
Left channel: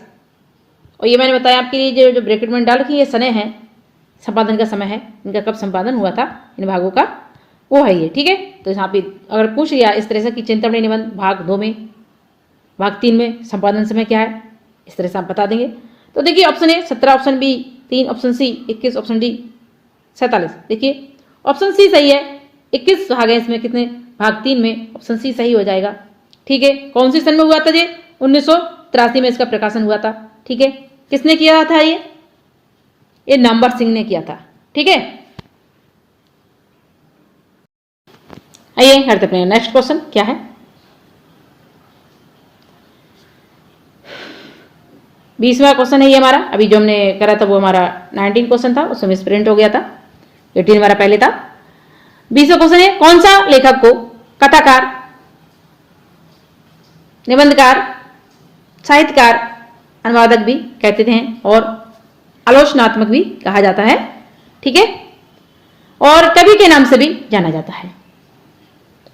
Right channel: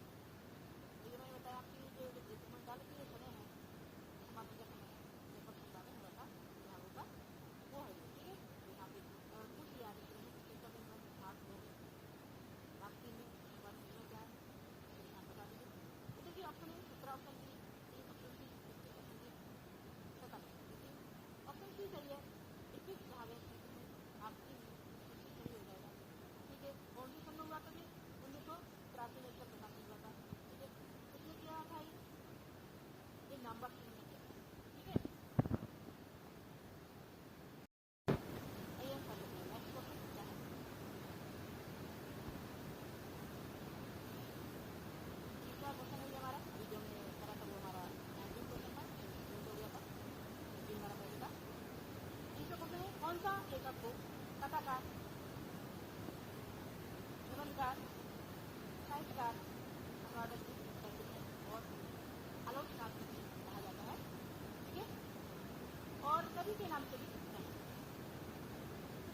और ये मैंने बताया आपके लिए, जो ब्रैकेट में डाल रखी ये समय है, संपादन का समय है, इनका कब संपादन हुआ था इन भागों का, वो है ये। ठीक है, तो यहाँ पे अगर पूछ लिया इस तरह से कि चिंतामणि निबंध भाग 2 में, भाग 3 में संपादन समय क्या है, इस तरह से आप बता देंगे। तो देखिए option A 17, option B 3, option C 21, option D 47। देखिए ऑप्शन सी सही है, 21 भाग है इसमें, कितने भाग 3 में, ऑप्शन सी सही हो जाएगा। ठीक है, कौन सी सन में हुआ था ये, 1983 में इसका प्रकाशन हुआ था। ठीक है, किसने किया था ये नंबर सिंह ने किया था। ठीक है, आइए करते अपने नेक्स्ट क्वेश्चन। क्या है, 20वां क्वेश्चन है ये हमारा। अभी जो हमने करा था वो हमारा 19 क्वेश्चन था, उसमें स्प्रिंट हो गया था, 18 हमारा पहले था। 20वां क्वेश्चन है, कौन सा लेखक को कथाकार, निबंधकार, साहित्यकार, अनुवादक भी कहते थे और आलोचनात्मक भी कहा जाता है। ठीक है, और कवि के नाम से भी जाना जाता है।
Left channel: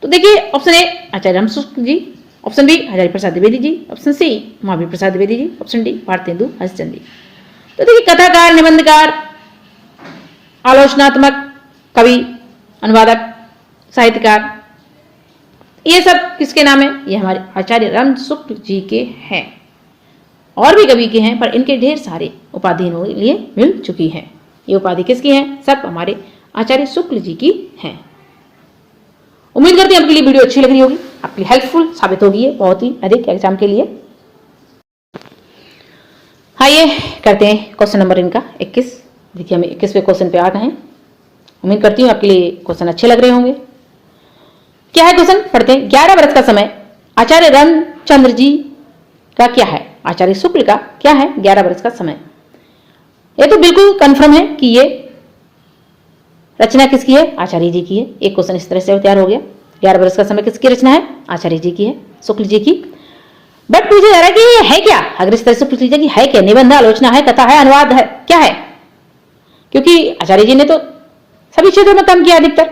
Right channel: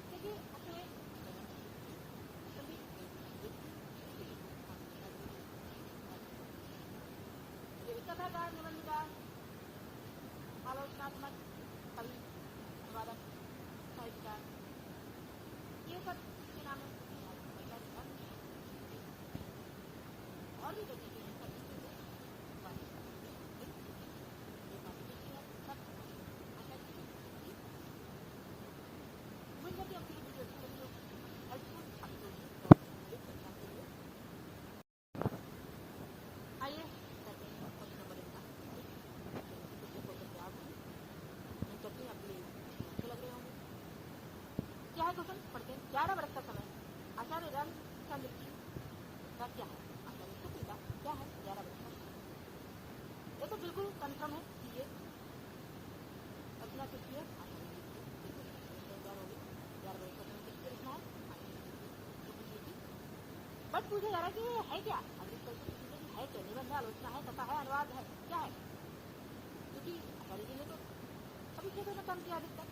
तो देखिए option A Acharya Ramchandra Shukla ji, option B Hazari Prasad Dwivedi ji, option C Mahavir Prasad Dwivedi ji, option D Bharatendu Harishchandra ji. तो देखिए कथाकार, निबंधकार, आलोचनात्मक, कवि, अनुवादक, साहित्यकार, ये सब किसके नाम है, ये हमारे आचार्य रामचंद्र शुक्ल जी के हैं। और भी कवि के हैं, पर इनके ढेर सारे उपाधि लिए मिल चुकी हैं। ये उपाधि किसकी हैं, सब हमारे आचार्य शुक्ल जी की हैं। उम्मीद करते हैं आपके लिए वीडियो अच्छी लग रही होगी, आपके लिए हेल्पफुल साबित होगी ये बहुत ही अधिक एग्जाम के लिए। आइए करते हैं क्वेश्चन नंबर इनका 21। देखिए हम 21वें क्वेश्चन पे आ गए हैं। उम्मीद करती हूँ आपके लिए क्वेश्चन अच्छे लग रहे होंगे। क्या है क्वेश्चन, पढ़ते हैं। 11 वर्ष का समय आचार्य रामचंद्र जी का क्या है, आचार्य शुक्ल का क्या है 11 वर्ष का समय। ये तो बिल्कुल कंफर्म है कि ये रचना किसकी है, आचार्य जी की है। एक क्वेश्चन इस तरह से तैयार हो गया, 11 वर्ष का समय किसकी रचना है, आचार्य जी की है, शुक्ल जी की। बट पूछा जा रहा है कि ये है क्या, अगर इस तरह से पूछ लीजिए कि है क्या, निबंध, आलोचना है, कथा है, अनुवाद है, क्या है। क्योंकि आचार्य जी ने तो सभी क्षेत्रों में काम किया, अधिकतर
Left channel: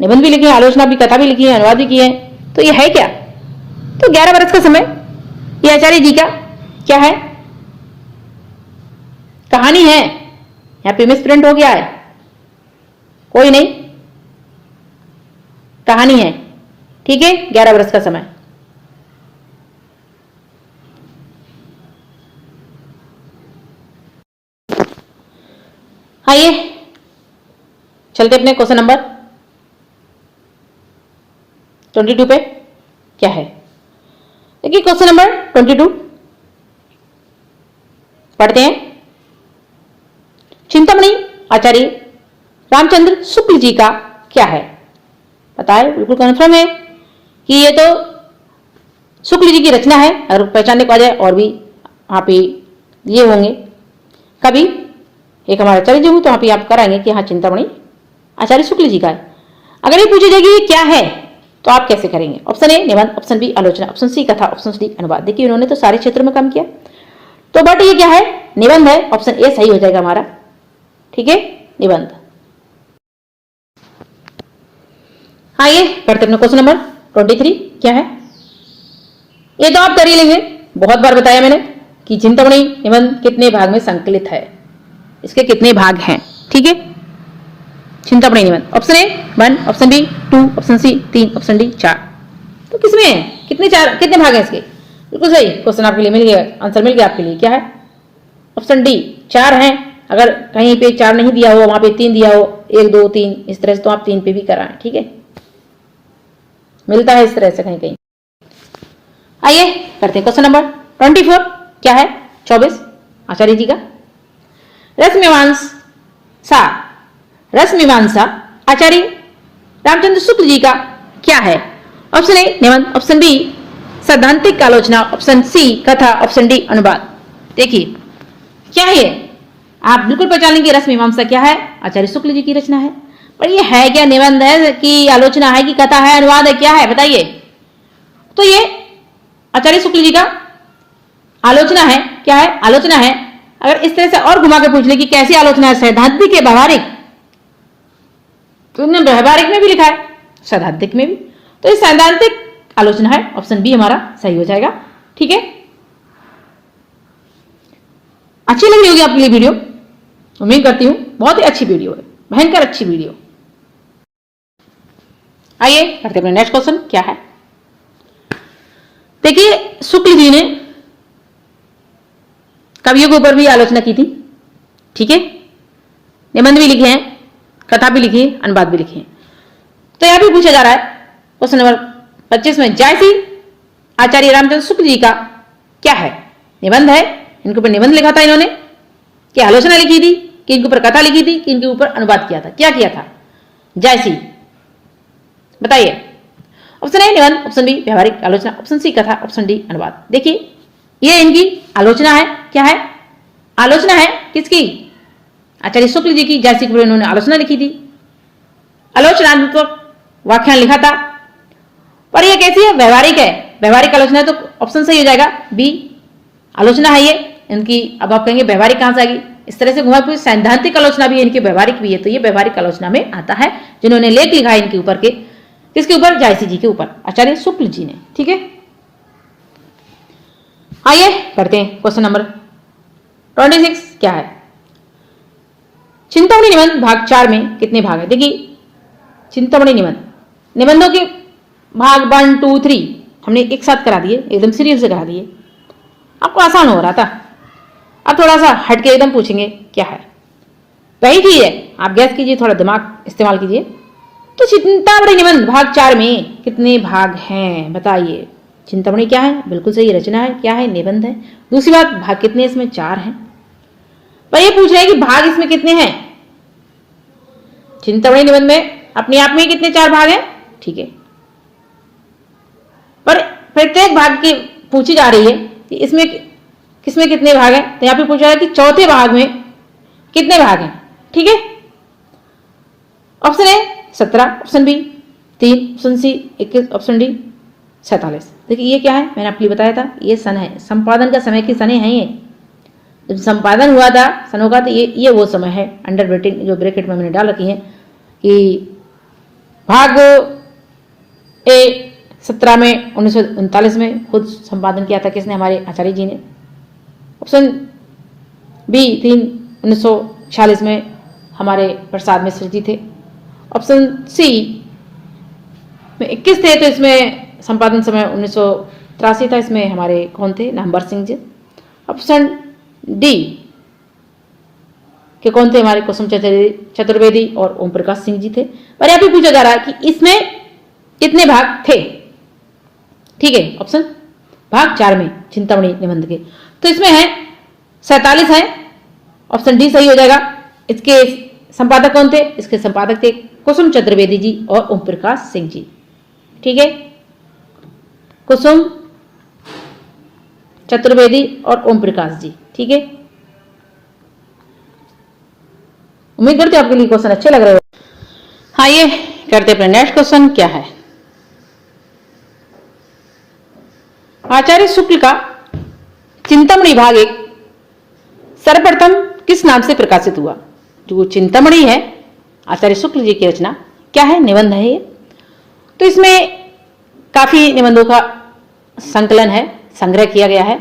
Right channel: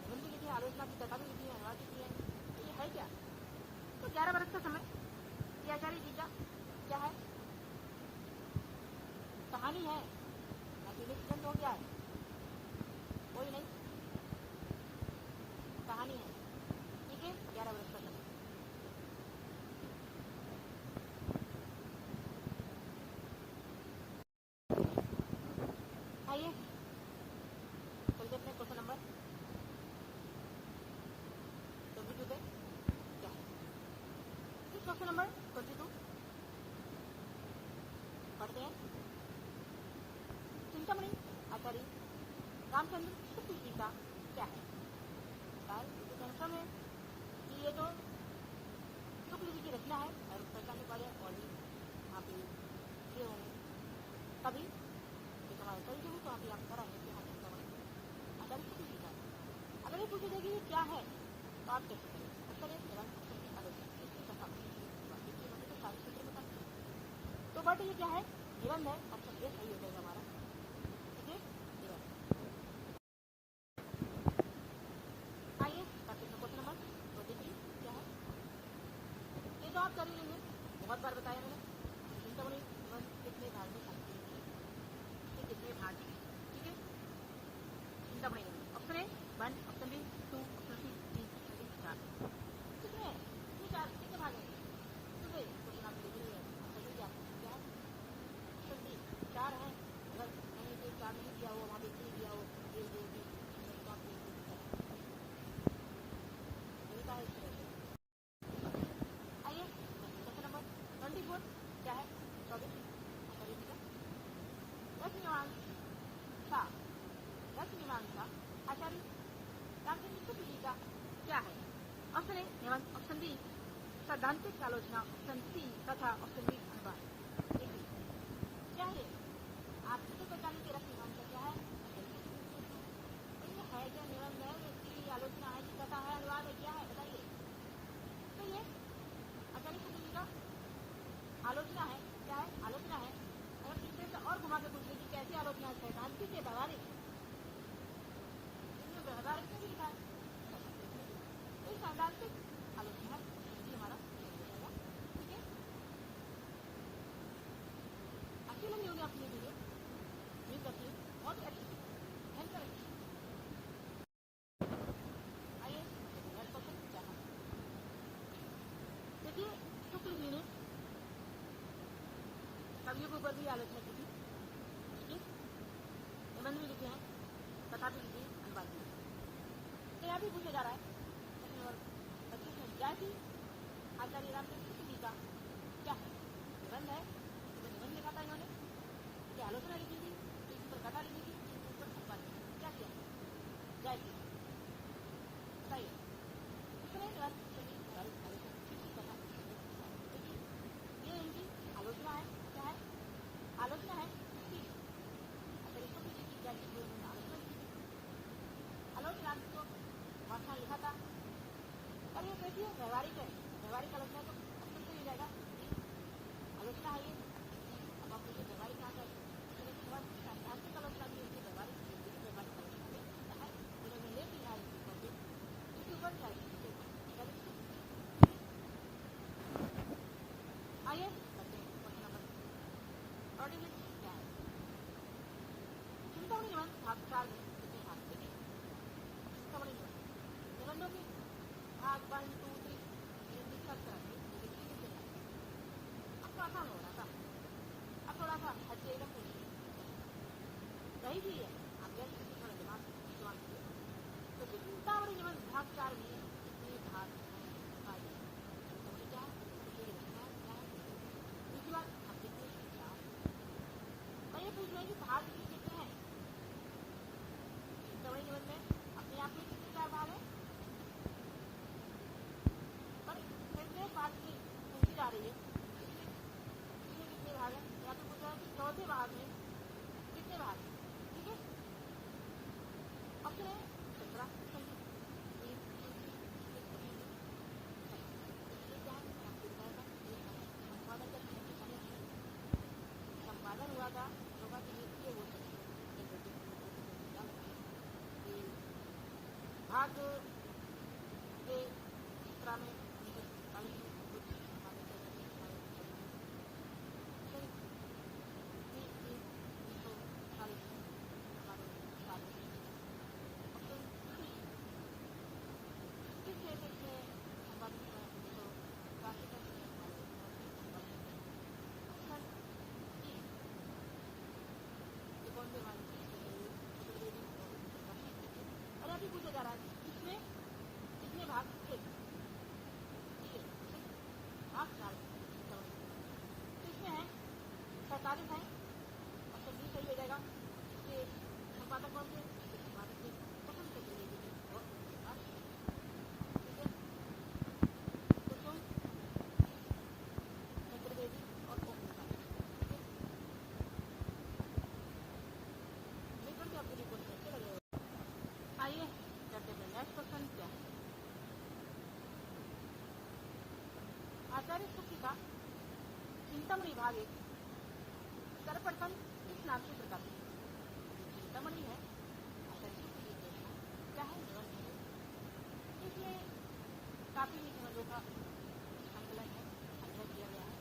निबंध भी लिखे, आलोचना भी, कथा भी लिखी है, अनुवाद भी किए हैं। तो ये है क्या? तो 11 वर्ष का समय ये आचार्य जी का क्या है? कहानी है। यहाँ पे मिसप्रिंट हो गया है, कोई नहीं, कहानी है, ठीक है। 11 वर्ष का समय। आइए चलते अपने क्वेश्चन नंबर 22 पे। क्या है? देखिए क्वेश्चन नंबर 22 पढ़ते हैं। चिंतामणि आचार्य रामचंद्र शुक्ल जी का क्या है? बताए, बिल्कुल कन्फर्म है कि ये तो शुक्ल जी की रचना है। अगर पहचानने को आ जाए और भी वहां पे ये होंगे कभी, एक हमारे आचार्य जी हूं तो वहां पे आप कराएंगे कि हाँ चिंतामणि आचार्य शुक्ल जी का है। अगर ये पूछी जाएगी ये क्या है तो आप कैसे करेंगे? ऑप्शन ए निबंध, ऑप्शन बी आलोचना, ऑप्शन सी कथा, ऑप्शन डी अनुवाद। देखिए उन्होंने तो सारे क्षेत्रों में काम किया, तो बट ये क्या है? निबंध है। ऑप्शन ए सही हो जाएगा हमारा, ठीक है, निबंध। आइए पढ़ते अपने क्वेश्चन नंबर 23। क्या है? ये तो आप कर ही लेंगे, बहुत बार बताया मैंने कि चिंतामणि निबंध कितने भाग में संकलित है, इसके कितने भाग हैं, ठीक है। चिंतामणि निबंध option A 1, option B 2, option C 3, option D 4। तो किसमें है? कितने भाग हैं इसके? बिल्कुल सही, क्वेश्चन आपके लिए मिल गया, आंसर मिल गया आपके लिए। क्या है? ऑप्शन डी 4 हैं। अगर कहीं पे 4 नहीं दिया हो, वहां पे 3 दिया हो, 1 2 3 इस तरह से, तो आप 3 पे भी कराएं, ठीक है, मिलता है इस तरह से कहीं कहीं। आइए करते हैं क्वेश्चन नंबर 24। क्या है? 24 आचार्य जी का रसमीमांसा आचार्य रामचंद्र शुक्ल जी का क्या है? ऑप्शन ए निबंध, ऑप्शन बी सैद्धांतिक आलोचना, ऑप्शन सी कथा, ऑप्शन डी अनुवाद। देखिए क्या है ये? आप बिल्कुल पहचान लेंगे रसमीमांसा क्या है? आचार्य शुक्ल जी की रचना है। पर ये है क्या? निबंध है कि आलोचना है कि कथा है, अनुवाद है, क्या है बताइए? तो ये आचार्य शुक्ल जी का आलोचना है। क्या है? आलोचना है। अगर इस तरह से और घुमा के पूछ ले कि कैसी आलोचना है, सैद्धांतिक है व्यवहारिक, तो उन्होंने व्यवहारिक में भी लिखा है, सैद्धांतिक में भी, तो ये सैद्धांतिक आलोचना है। ऑप्शन बी हमारा सही हो जाएगा, ठीक है। अच्छी लग रही होगी आपके लिए वीडियो, उम्मीद करती हूं बहुत ही अच्छी वीडियो है, भयंकर अच्छी वीडियो। आइए करते अपने नेक्स्ट क्वेश्चन। क्या है? देखिए शुक्ल जी ने कवियों के ऊपर भी आलोचना की थी, ठीक है, निबंध भी लिखे हैं, कथा भी लिखी है, अनुवाद भी लिखे हैं। तो यहां भी पूछा जा रहा है क्वेश्चन नंबर 25 में, जायसी आचार्य रामचंद्र शुक्ल जी का क्या है? निबंध है, इनके ऊपर निबंध लिखा था इन्होंने, कि आलोचना लिखी थी, कि इनके ऊपर कथा लिखी थी, कि इनके ऊपर अनुवाद किया था, क्या किया था? जायसी बताइए। ऑप्शन ए निबंध, ऑप्शन बी व्यवहारिक आलोचना, ऑप्शन सी कथा, ऑप्शन डी अनुवाद। देखिए ये इनकी आलोचना है। क्या है? आलोचना है किसकी? आचार्य शुक्ल जी की। जायसी के ऊपर इन्होंने आलोचना लिखी थी, आलोचनात्मक व्याख्यान लिखा था। पर ये कैसी है? व्यवहारिक है। व्यवहारिक आलोचना है तो ऑप्शन सही हो जाएगा बी, आलोचना है ये इनकी। अब आप कहेंगे व्यवहारिक कहां से आ गई? इस तरह से घुमा फिर सैद्धांतिक आलोचना भी है इनकी, व्यवहारिक भी है, तो ये व्यवहारिक आलोचना में आता है, जिन्होंने लेख लिखा है इनके ऊपर के, किसके ऊपर? जायसी जी के ऊपर, आचार्य शुक्ल जी ने, ठीक है। आइए करते हैं क्वेश्चन नंबर 26। क्या है? चिंतामणि निबंध भाग 4 में कितने भाग है? देखिए चिंतामणि निबंधों के भाग 1 2 3 हमने एक साथ करा दिए, एकदम सीरियल से करा दिए, आपको आसान हो रहा था। अब थोड़ा सा हट के एकदम पूछेंगे क्या है, वही चीज है, आप गैस कीजिए, थोड़ा दिमाग इस्तेमाल कीजिए। तो चिंतामणि निबंध भाग 4 में कितने भाग हैं बताइए? चिंतामणि क्या है? बिल्कुल सही, रचना है। क्या है? निबंध है। दूसरी बात, भाग कितने इसमें? 4 हैं। पर ये पूछ रहे हैं कि भाग इसमें कितने हैं? चिंतामणि निबंध में अपने आप में कितने 4 भाग हैं, ठीक है, पर प्रत्येक भाग की पूछी जा रही है कि इसमें किसमें कितने भाग हैं। तो यहां पे पूछा रहा है कि चौथे भाग में कितने भाग हैं, ठीक है। Option A 17, option B 3, option C 21, option D 47। देखिए ये क्या है? मैंने आपके लिए बताया था, ये सन है, संपादन का समय की सने हैं ये, जब संपादन हुआ था सनों का, तो ये वो समय है, अंडर ब्रैकेट जो ब्रैकेट में मैंने डाल रखी है कि भाग ए 17 में 1939 में खुद संपादन किया था किसने, हमारे आचार्य जी ने। ऑप्शन बी 3 1946 में हमारे प्रसाद मिश्र जी थे। ऑप्शन सी में 21 थे, तो इसमें संपादन समय 1983 था, इसमें हमारे कौन थे, नामवर सिंह जी। ऑप्शन डी के कौन थे, हमारे कुसुम चतुर्वेदी और ओम प्रकाश सिंह जी थे। पर यहाँ पे पूछा जा रहा है कि इसमें कितने भाग थे, ठीक है। ऑप्शन भाग 4 में चिंतामणि निबंध के, तो इसमें है 47 है, ऑप्शन डी सही हो जाएगा। इसके संपादक कौन थे, इसके संपादक थे कुसुम चतुर्वेदी जी और ओम प्रकाश सिंह जी, ठीक है। कुसुम चतुर्वेदी और ओम प्रकाश जी, ठीक है। उम्मीद करते हैं आपके लिए क्वेश्चन अच्छे लग रहे हो। हाँ, ये करते अपने नेक्स्ट क्वेश्चन क्या है। आचार्य शुक्ल का चिंतामणि भाग 1 सर्वप्रथम किस नाम से प्रकाशित हुआ। जो चिंतामणि है आचार्य शुक्ल जी की रचना, क्या है, निबंध है ये। तो इसमें काफी निबंधों का संकलन है, संग्रह किया गया है।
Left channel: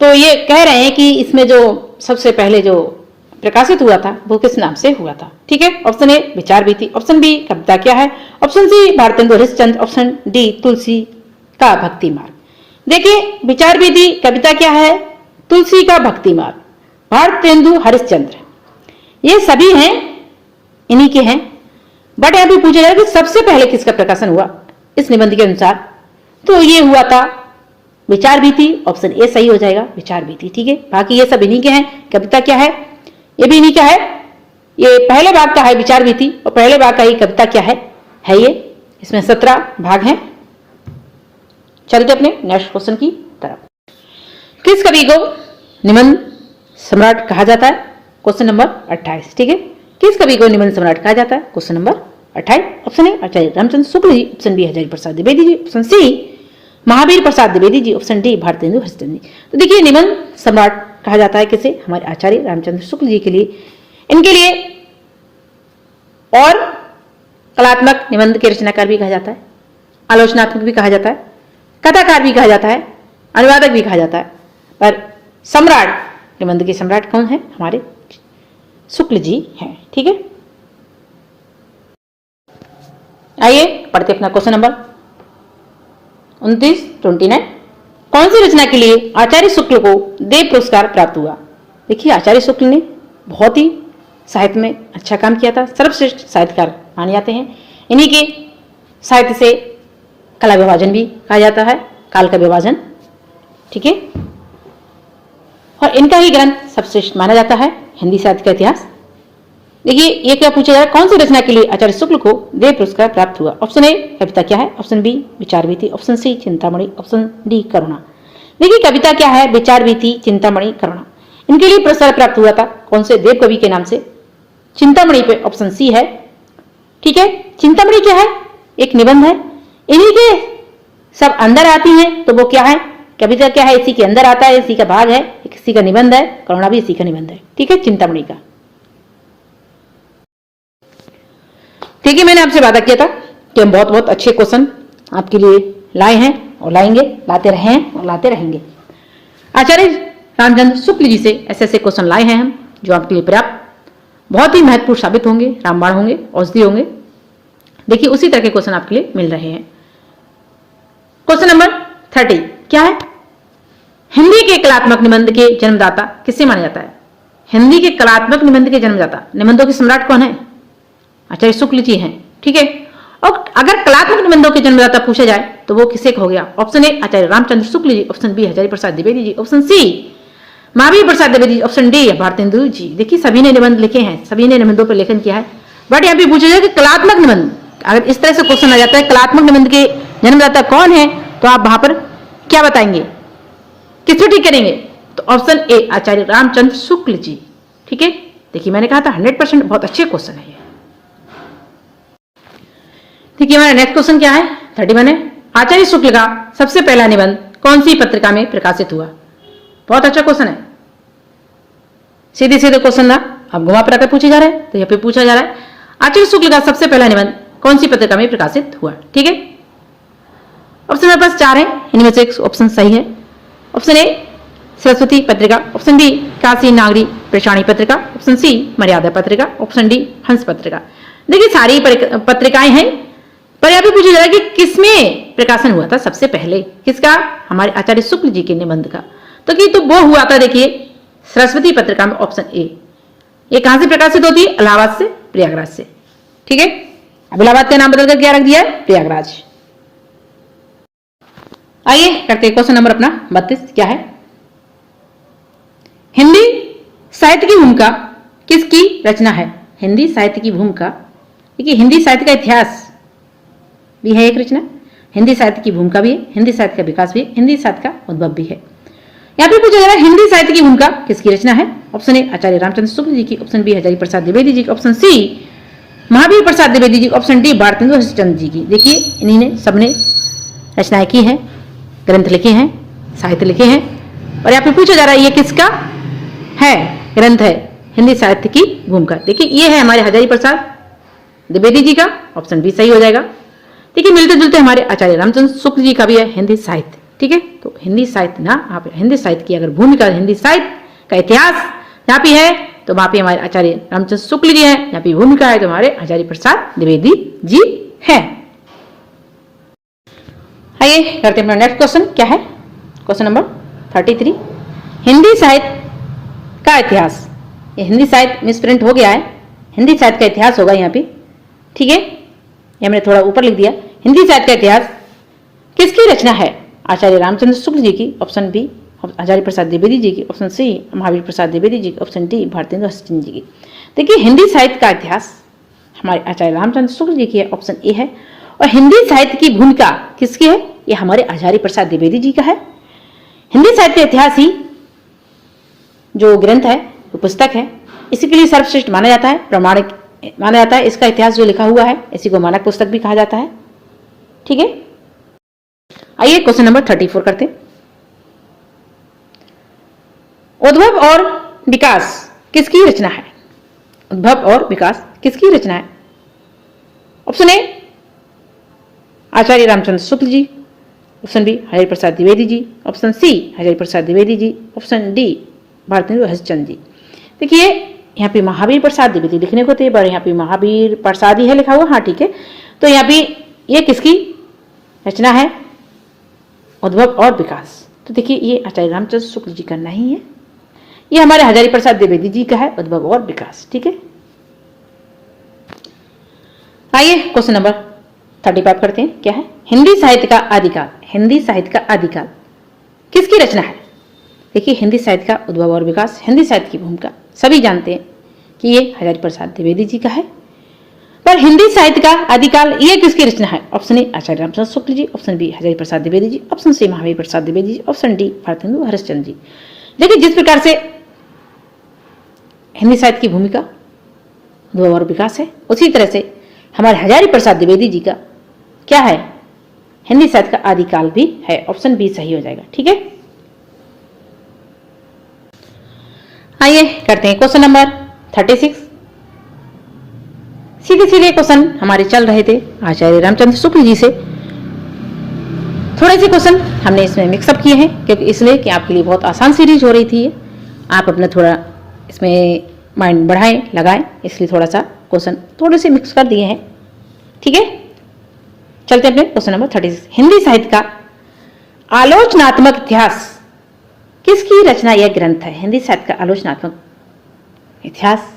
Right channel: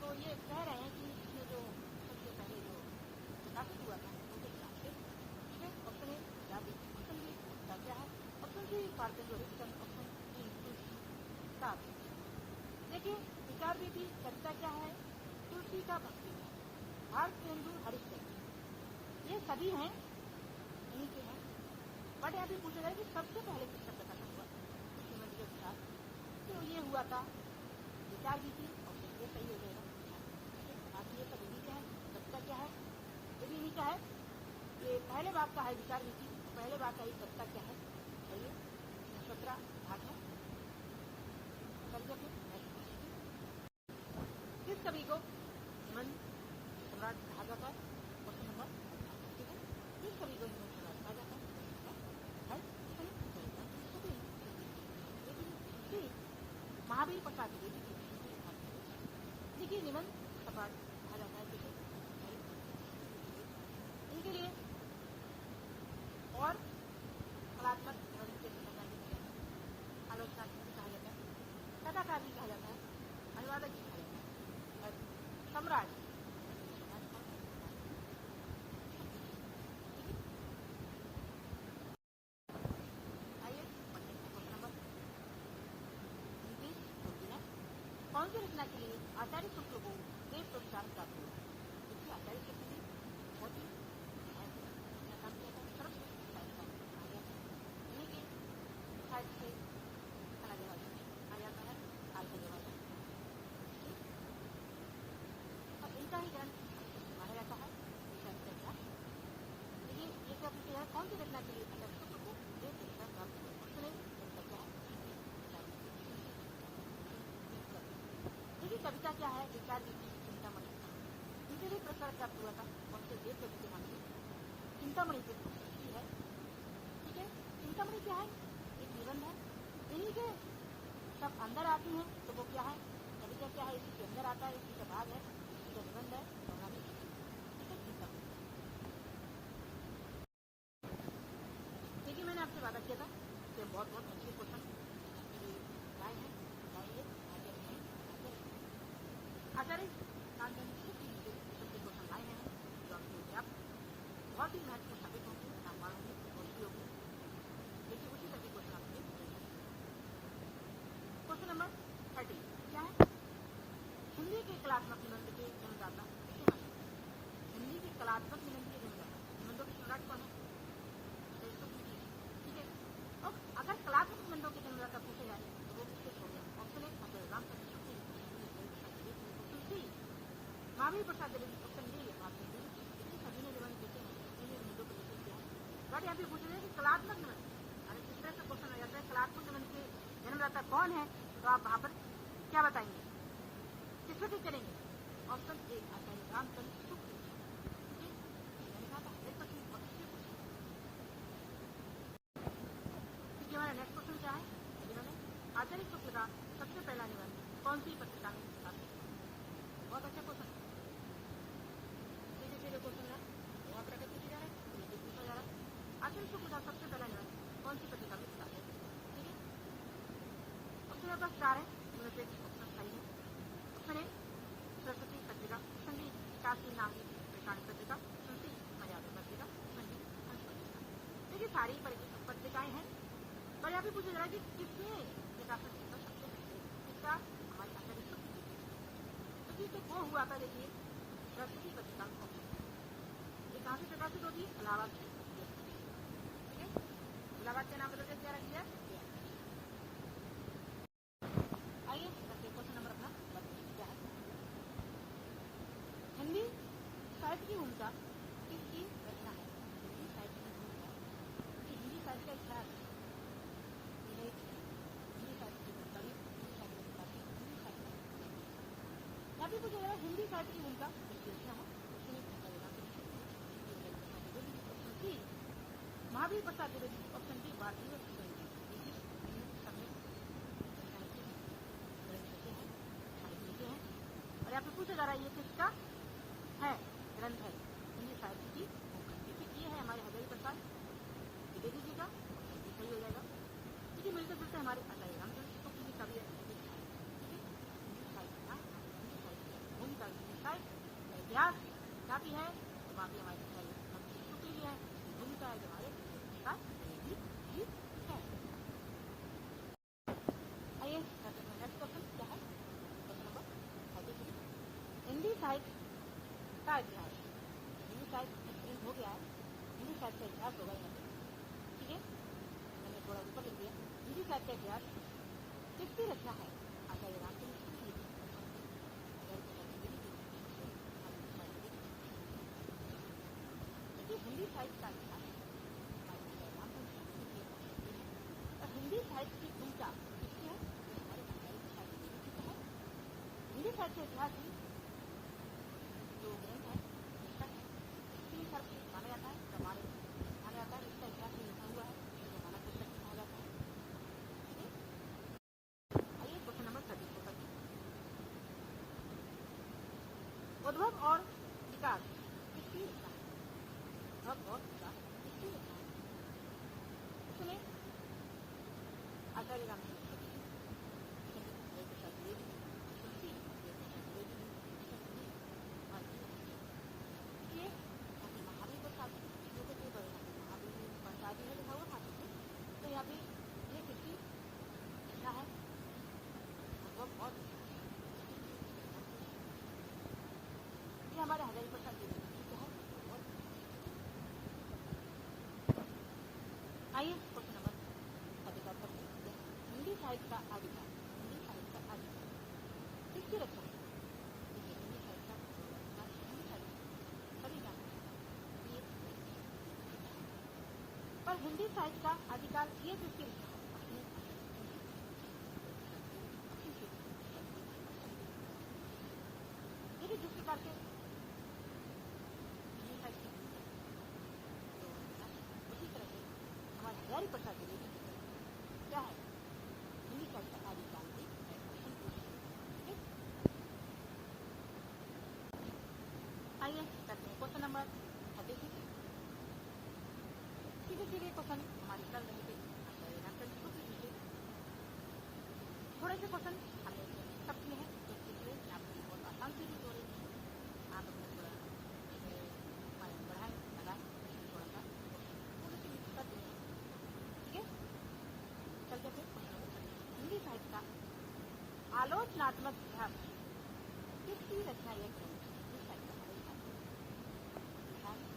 तो ये कह रहे हैं कि इसमें जो सबसे पहले जो प्रकाशित हुआ था वो किस नाम से हुआ था, ठीक है। ऑप्शन ए विचार भीति, ऑप्शन बी कविता क्या है, option C Bharatendu Harishchandra, option D Tulsi का भक्ति मार्ग। देखिए, विचार भीति, कविता क्या है, तुलसी का भक्ति मार्ग, भारतेंदु हरिश्चंद्र, ये सभी हैं, इन्हीं के हैं। बट यहाँ भी पूछा जाए कि सबसे पहले किसका प्रकाशन हुआ इस निबंध के अनुसार, तो ये हुआ था विचार भीति, ऑप्शन ए सही हो जाएगा, विचार भीति, ठीक है। बाकी ये सब इन्हीं के हैं। कविता क्या है, ये भी इन्हीं का है। ये पहले भाग का है विचार भीति और पहले भाग का ही कविता क्या है ये। इसमें 17 भाग हैं। चलते अपने नेक्स्ट क्वेश्चन की तरफ। किस कवि को निबंध सम्राट कहा जाता है, क्वेश्चन नंबर 28, ठीक है। किस कवि को निबंध सम्राट कहा जाता है, question number 28। Option A Acharya Ramchandra Shukla ji, option B Hazari Prasad Dwivedi ji, option C Mahavir Prasad Dwivedi ji, option D Bharatendu Harishchandra ji. तो देखिए, निबंध सम्राट कहा जाता है किसे, हमारे आचार्य रामचंद्र शुक्ल जी के लिए। इनके लिए और कलात्मक निबंध के रचनाकार भी कहा जाता है, आलोचनात्मक भी कहा जाता है, कथाकार भी कहा जाता है, अनुवादक भी कहा जाता है। पर सम्राट, निबंध के सम्राट कौन है, हमारे शुक्ल जी हैं, ठीक है। आइए पढ़ते अपना क्वेश्चन नंबर 29 कौन सी रचना के लिए आचार्य शुक्ल को देव पुरस्कार प्राप्त हुआ। देखिए, आचार्य शुक्ल ने बहुत ही साहित्य में अच्छा काम किया था, सर्वश्रेष्ठ साहित्यकार माने जाते हैं। इन्हीं के साहित्य से कला विभाजन भी कहा जाता है, काल का विभाजन, ठीक है। और इनका ही ग्रंथ सर्वश्रेष्ठ माना जाता है, हिंदी साहित्य का इतिहास। देखिए, ये क्या पूछा जा रहा है, कौन सी रचना के लिए आचार्य शुक्ल को देव पुरस्कार प्राप्त हुआ। ऑप्शन ए कविता क्या है, option B Vichar Vithi, option C Chintamani, option D Karuna. देखिए, कविता क्या है, विचार भीति, चिंतामणि, करुणा, इनके लिए पुरस्कार प्राप्त हुआ था कौन से देव कवि के नाम से, चिंतामणि पे ऑप्शन सी है, ठीक है। चिंतामणि क्या है, एक निबंध है, इन्हीं के सब अंदर आती हैं, तो वो क्या है, कविता क्या है, इसी के अंदर आता है, इसी का भाग है, इसी का निबंध है, करुणा भी इसी का निबंध है, ठीक है, चिंतामणि का। ठीक है, मैंने आपसे वादा किया था कि हम बहुत बहुत अच्छे क्वेश्चन आपके लिए लाए हैं और लाएंगे, लाते रहे हैं और लाते रहेंगे। आचार्य रामचंद्र शुक्ल जी से ऐसे ऐसे क्वेश्चन लाए हैं हम, जो आपके लिए पर्याप्त बहुत ही महत्वपूर्ण साबित होंगे, रामबाण होंगे, औषधि होंगे। देखिए, उसी तरह के क्वेश्चन आपके लिए मिल रहे हैं। क्वेश्चन नंबर 30 क्या है, हिंदी के कलात्मक निबंध के जन्मदाता किसे माना जाता है। हिंदी के कलात्मक निबंध के जन्मदाता, निबंधों के सम्राट कौन है, आचार्य शुक्ल जी हैं, ठीक है। और अगर कलात्मक निबंधों के जन्मदाता पूछा जाए तो वो किसे हो गया, option A Acharya Ramchandra Shukla ji, option B Hazari Prasad Dwivedi ji, option C Mahavir Prasad Dwivedi, option D Bharatendu ji. देखिए, सभी ने निबंध लिखे हैं, सभी ने निबंधों पर लेखन किया है। बट यहाँ पे पूछा जाए कि कलात्मक निबंध, अगर इस तरह से क्वेश्चन आ जाता है कलात्मक निबंध के जन्मदाता कौन है, तो आप वहां पर क्या बताएंगे, किसको ठीक करेंगे, तो ऑप्शन ए आचार्य रामचंद्र शुक्ल जी, ठीक है। देखिए, मैंने कहा था 100% बहुत अच्छे क्वेश्चन है ये। ठीक है, हमारा नेक्स्ट क्वेश्चन क्या है, 31 है, आचार्य शुक्ल का सबसे पहला निबंध कौन सी पत्रिका में प्रकाशित हुआ। बहुत अच्छा क्वेश्चन है। सीधे सीधे क्वेश्चन ना अब घुमा फिरा कर पूछे जा रहे हैं। तो यहाँ पे पूछा जा रहा है आचार्य शुक्ल का सबसे पहला निबंध कौन सी पत्रिका में प्रकाशित हुआ। ठीक है, ऑप्शन मेरे पास 4 है, इनमें से एक ऑप्शन सही है। ऑप्शन ए सरस्वती पत्रिका, ऑप्शन बी काशी नागरी प्रशाणी पत्रिका, ऑप्शन सी मर्यादा पत्रिका, ऑप्शन डी हंस पत्रिका। देखिए सारी पत्रिकाएं हैं, पर यहाँ पे पूछा जा रहा है कि किसमें प्रकाशन हुआ था सबसे पहले, किसका, हमारे आचार्य शुक्ल जी के निबंध का। तो वो हुआ था देखिए सरस्वती पत्रिका में, ऑप्शन ए। ये कहां से प्रकाशित होती है, इलाहाबाद से, प्रयागराज से। ठीक है, अब इलाहाबाद का नाम बदलकर क्या रख दिया है, प्रयागराज। आइए करते हैं क्वेश्चन नंबर अपना 32। क्या है, हिंदी साहित्य की भूमिका किसकी रचना है। हिंदी साहित्य की भूमिका, देखिए हिंदी साहित्य का इतिहास भी है एक रचना, हिंदी साहित्य की भूमिका भी है, हिंदी साहित्य का विकास भी है, हिंदी साहित्य का उद्भव भी है। यहाँ पे पूछा जा रहा है हिंदी साहित्य की भूमिका किसकी रचना है। ऑप्शन ए आचार्य रामचंद्र शुक्ल जी की, ऑप्शन बी हजारी प्रसाद द्विवेदी जी की, option C Mahavir Prasad Dwivedi ji, option D Bharatendu Harishchandra जी की। देखिए इन्हीं ने सबने रचनाएं की हैं, ग्रंथ लिखे हैं, साहित्य लिखे हैं, और यहाँ पे पूछा जा रहा है ये किसका है ग्रंथ है हिंदी साहित्य की भूमिका। देखिए ये है हमारे हजारी प्रसाद द्विवेदी जी का, ऑप्शन बी सही हो जाएगा। देखिए मिलते जुलते हमारे आचार्य रामचंद्र शुक्ल जी का भी है हिंदी साहित्य। ठीक है, तो हिंदी साहित्य ना, आप हिंदी साहित्य की अगर भूमिका, हिंदी साहित्य का इतिहास यहाँ पे है, तो वहां पे हमारे आचार्य रामचंद्र शुक्ल जी है, यहाँ पे भूमिका है तो हमारे आचार्य प्रसाद द्विवेदी जी है। आइए करते हैं नेक्स्ट क्वेश्चन। क्या है, क्वेश्चन नंबर 33, हिंदी साहित्य का इतिहास। ये हिंदी साहित्य मिसप्रिंट हो गया है, हिंदी साहित्य का इतिहास होगा यहाँ पे। ठीक है, ये मैंने थोड़ा ऊपर लिख दिया, हिंदी साहित्य का इतिहास किसकी रचना है। आचार्य रामचंद्र शुक्ल जी की, ऑप्शन बी आचार्य प्रसाद द्विवेदी जी की, ऑप्शन सी महावीर प्रसाद द्विवेदी जी की, ऑप्शन डी भारतेंदु हरिश्चंद्र जी की। देखिए हिंदी साहित्य का इतिहास हमारे आचार्य रामचंद्र शुक्ल जी की है, ऑप्शन ए है। और हिंदी साहित्य की भूमिका किसकी है, ये हमारे आचार्य प्रसाद द्विवेदी जी का है। हिंदी साहित्य इतिहास ही जो ग्रंथ है, जो पुस्तक है, इसी के लिए सर्वश्रेष्ठ माना जाता है, प्रमाणिक माना जाता है। इसका इतिहास जो लिखा हुआ है इसी को मानक पुस्तक भी कहा जाता है। ठीक है, आइए क्वेश्चन नंबर 34 करते हैं। उद्भव और विकास किसकी रचना है। उद्भव और विकास किसकी रचना है। Option A Acharya Ramchandra Shukla ji, option B Hazari Prasad Dwivedi ji, option C Hazari Prasad Dwivedi ji, option D Bharatendu Harishchandra ji. देखिए यहाँ पे महावीर प्रसाद द्विवेदी लिखने को थे, पर यहाँ पे महावीर प्रसाद ही है लिखा हुआ। हाँ ठीक है, तो यहाँ पे ये किसकी रचना है, उद्भव और विकास। तो देखिए ये आचार्य रामचंद्र शुक्ल जी का नहीं है, ये हमारे हजारी प्रसाद द्विवेदी जी का है, उद्भव और विकास। ठीक है, आइए क्वेश्चन नंबर 35 करते हैं। क्या है, हिंदी साहित्य का आदिकाल। हिंदी साहित्य का आदिकाल किसकी रचना है। देखिए हिंदी साहित्य का उद्भव और विकास, हिंदी साहित्य की भूमिका सभी जानते हैं कि ये हजारी प्रसाद द्विवेदी जी का है, पर हिंदी साहित्य का आदिकाल ये किसकी रचना है। Option A Acharya Ramchandra Shukla ji, option B Hazari Prasad Dwivedi ji, option C Mahavir Prasad Dwivedi ji, option D Bharatendu Harishchandra ji. देखिए जिस प्रकार से हिंदी साहित्य की भूमिका उद्भव और विकास है, उसी तरह से हमारे हजारी प्रसाद द्विवेदी जी का क्या है, हिंदी साहित्य का आदिकाल भी है। ऑप्शन बी सही हो जाएगा। ठीक है, आइए करते हैं क्वेश्चन नंबर 36। सीधे सीधे क्वेश्चन हमारे चल रहे थे आचार्य रामचंद्र शुक्ल जी से। थोड़े से क्वेश्चन हमने इसमें मिक्सअप किए हैं, क्योंकि इसलिए कि आपके लिए बहुत आसान सीरीज हो रही थी, आप अपना थोड़ा इसमें माइंड बढ़ाएं लगाएं, इसलिए थोड़ा सा क्वेश्चन थोड़े से मिक्स कर दिए हैं। ठीक है, चलते अपने क्वेश्चन नंबर 36। हिंदी साहित्य का आलोचनात्मक इतिहास किसकी रचना यह ग्रंथ है। हिंदी साहित्य का आलोचनात्मक इतिहास